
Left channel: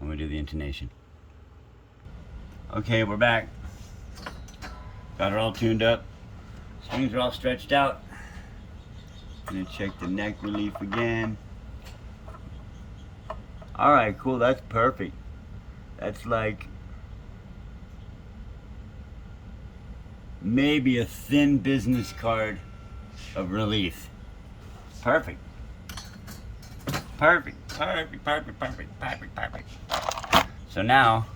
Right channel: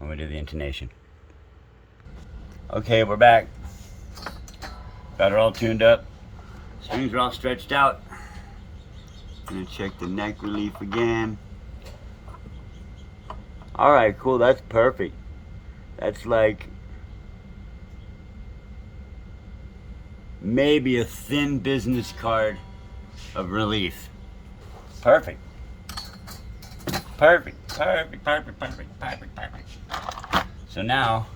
intonation. Okay, we're back. Got her all tuned up. Strings are all stretched out. Gonna check the neck relief again. Alright, cool, that's perfect. That's like maybe a thin business card of relief. Perfect. Perfect, perfect, perfect, perfect, perfect, perfect. So now,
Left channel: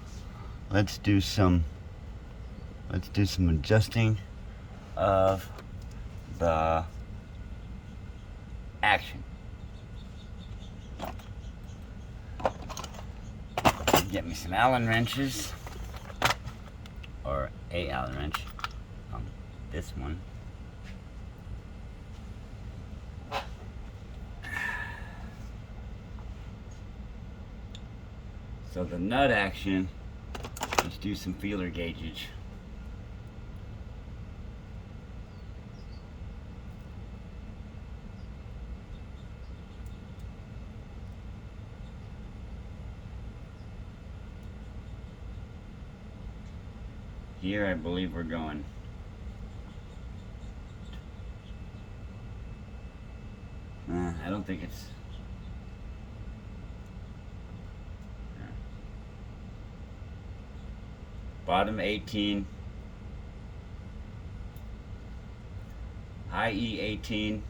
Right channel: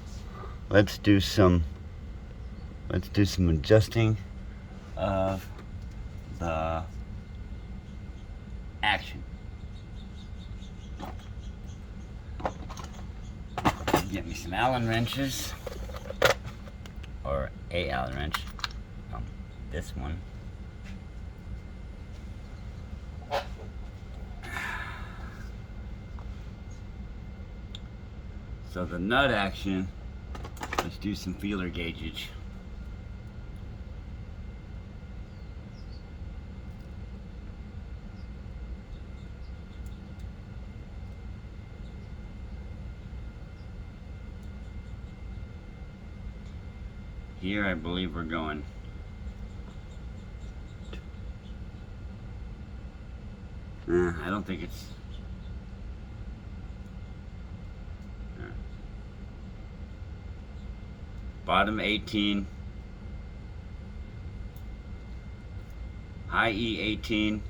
let's do some adjusting of the action. Get me some Allen wrenches, or a Allen wrench. This one. So the nut action, let's do some feeler gaugage. Here I believe we're going. I don't think it's... Bottom 18, high E 18,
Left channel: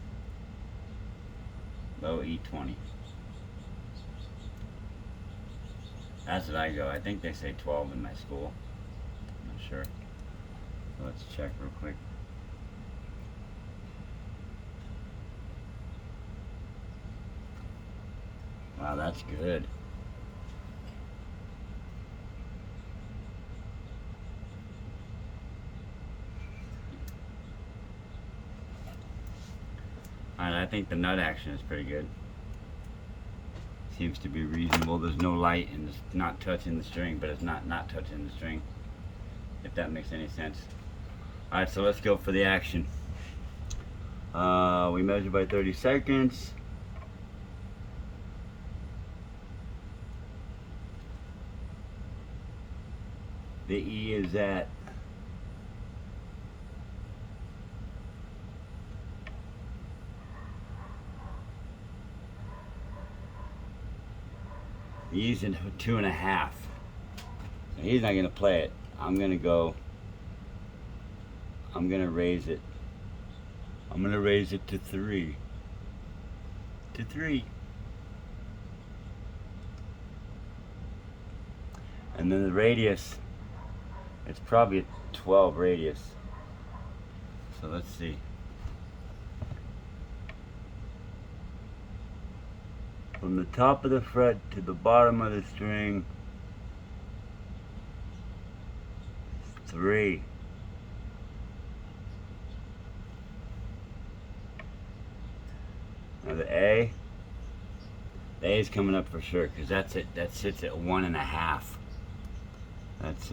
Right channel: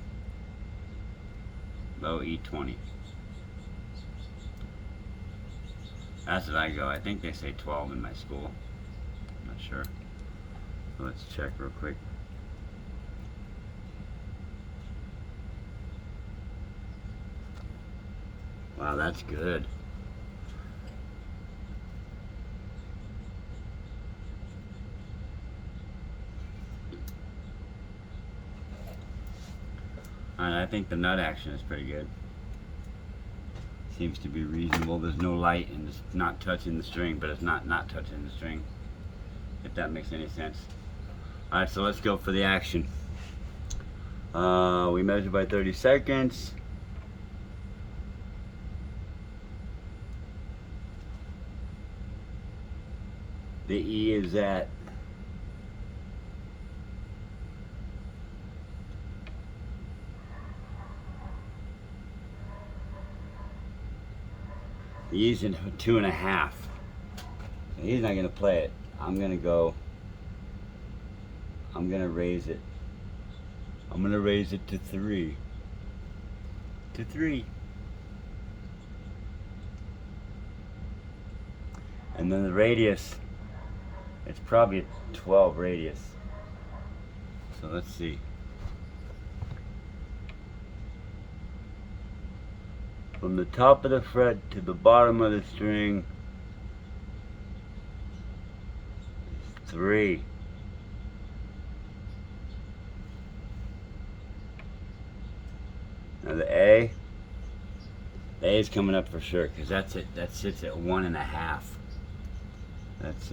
low E 20. That's what I go. I think they say 12 in my school. I'm not sure. Let's check real quick. Wow, that's good. Alright, I think the nut action is pretty good. Seems to be reasonable. There's no light and it's not touching the string, but it's not touching the string. If that makes any sense. Alright, so let's go for the action. We measure by 30 seconds. The E is at he's in 2.5. He's not gonna play it. I'm gonna raise it. I'm gonna raise it to 3. To 3. And then the radius, it's probably a 12 radius. So let's see. From the top of the fret to the bottom of the string is 3. Now the A is coming up for sure because that's it. That sits at 1.5. That's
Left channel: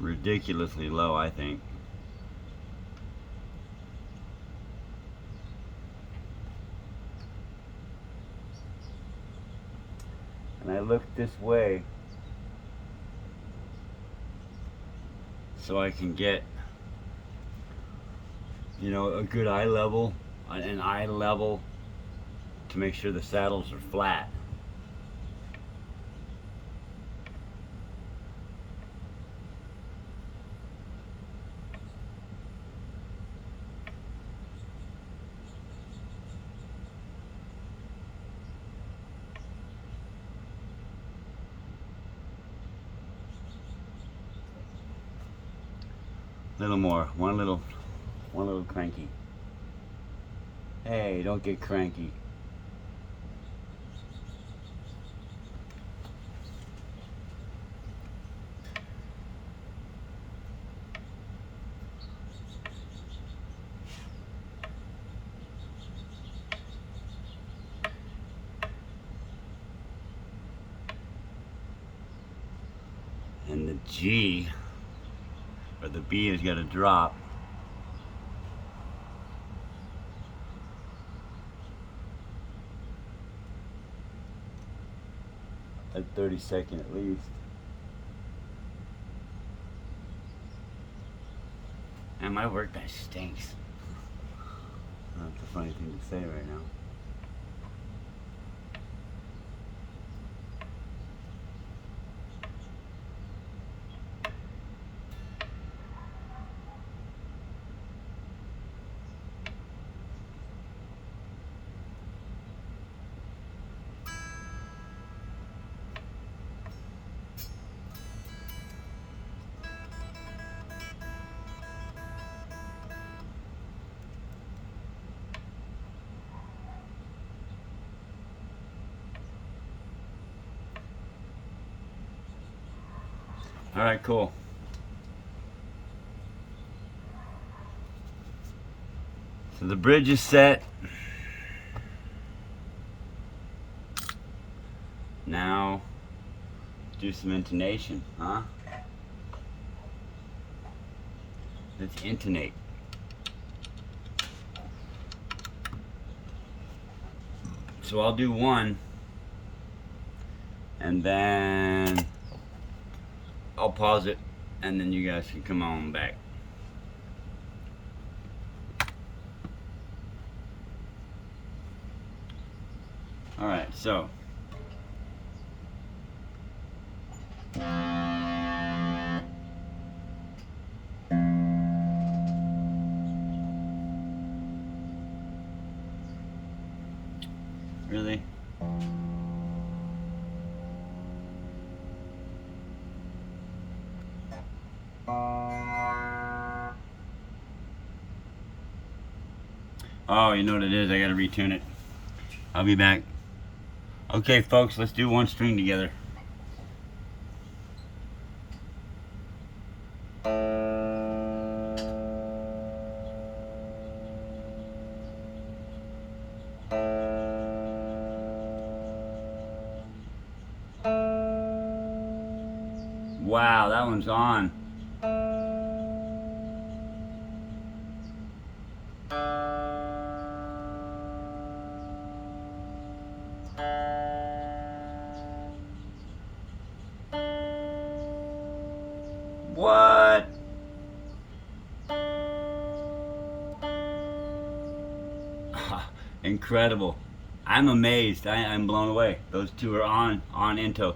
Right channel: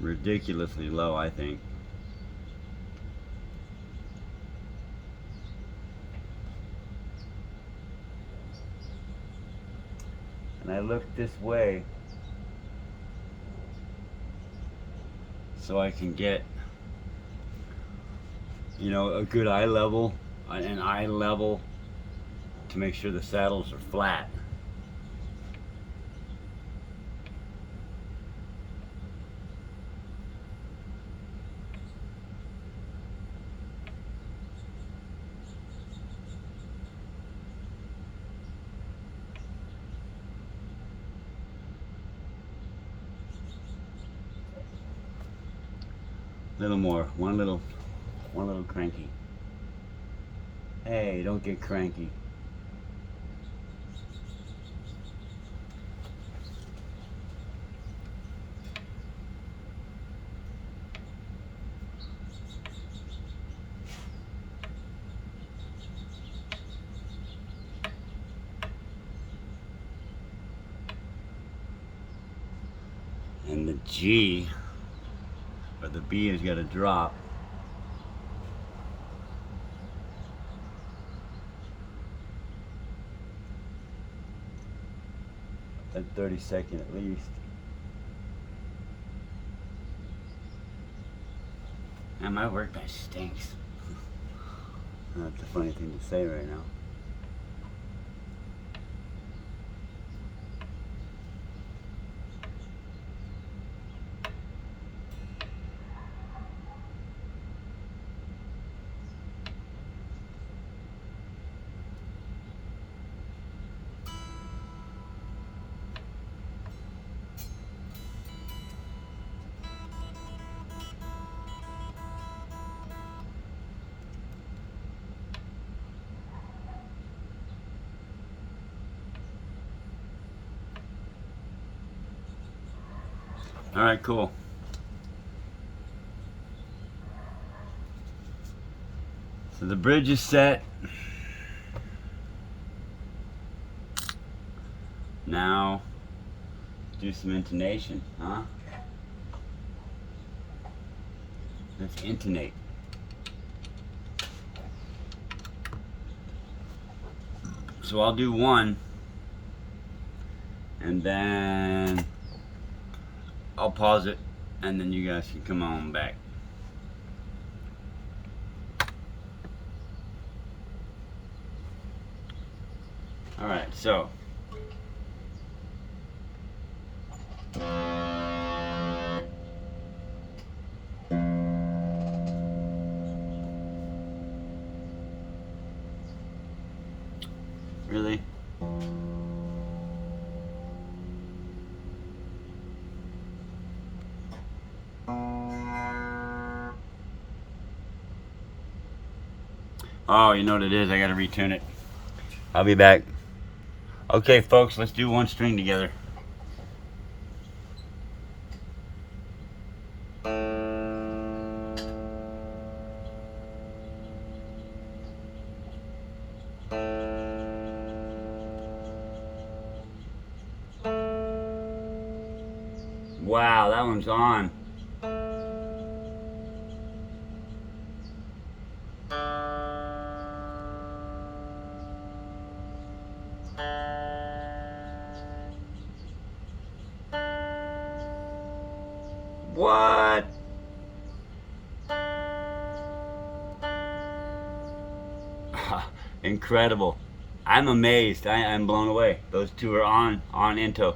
ridiculously low, I think. And I look this way so I can get, you know, a good eye level, an eye level to make sure the saddles are flat. A little more, one little cranky. Hey, don't get cranky. And the G, or the B, has got to drop. Like 32nd at least. And my workbench stinks. That's a funny thing to say right now. All right, cool. So the bridge is set. Now, do some intonation, huh? Let's intonate. So I'll do one, and then I'll pause it, and then you guys can come on back. All right, so. Really? Oh, you know what it is? I gotta retune it. I'll be back. Okay, folks, let's do one string together. Wow, that one's on. What? Incredible. I'm amazed. I'm blown away. Those two are on into.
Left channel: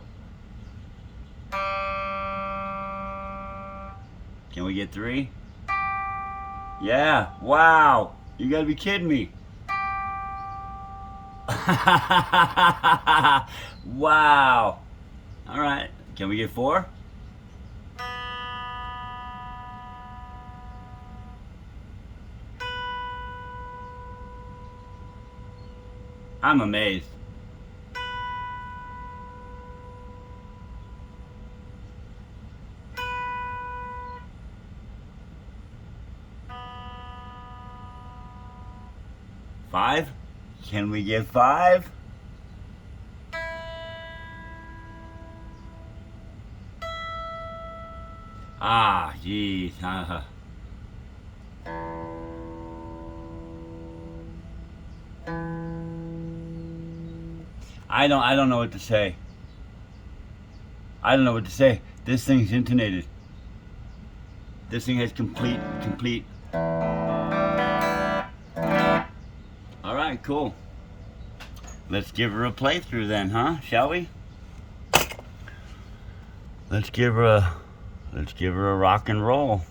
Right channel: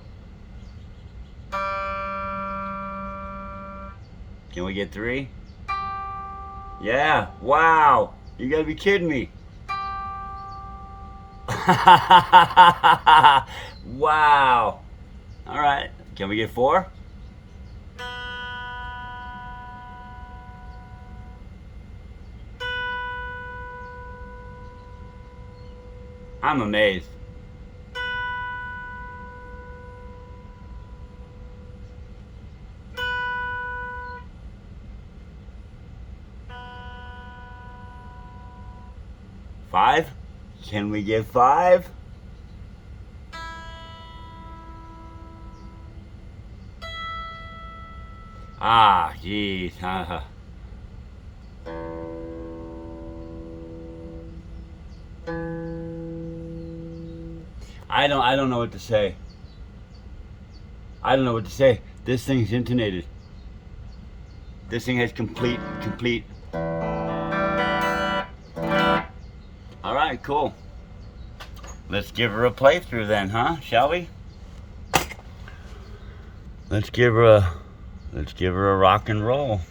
Can we get three? Yeah. Wow. You gotta be kidding me. Wow. All right. Can we get four? I'm amazed. Five? Can we get five? Ah, geez. I don't know what to say. I don't know what to say. This thing's intonated. This thing has complete. All right, cool. Let's give her a playthrough then, huh? Shall we? Let's give her a rock and roll.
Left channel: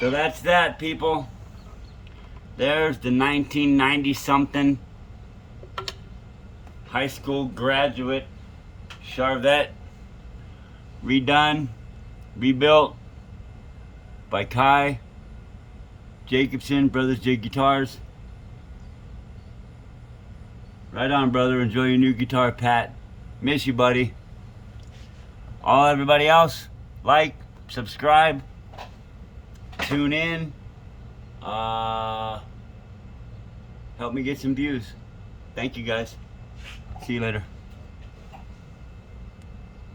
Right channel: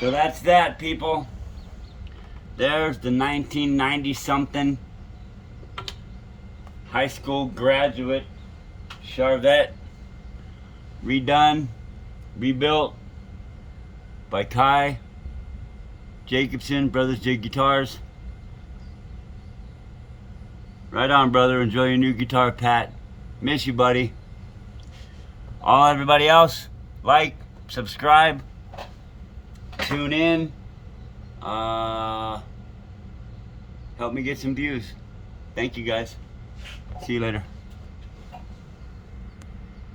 So that's that, people. There's the 1990 something high school graduate charvette, redone, rebuilt by Kai Jacobson, Brothers J Guitars. Right on, brother. Enjoy your new guitar, Pat. Miss you, buddy. All everybody else, like, subscribe, tune in. Help me get some views. Thank you, guys. See you later.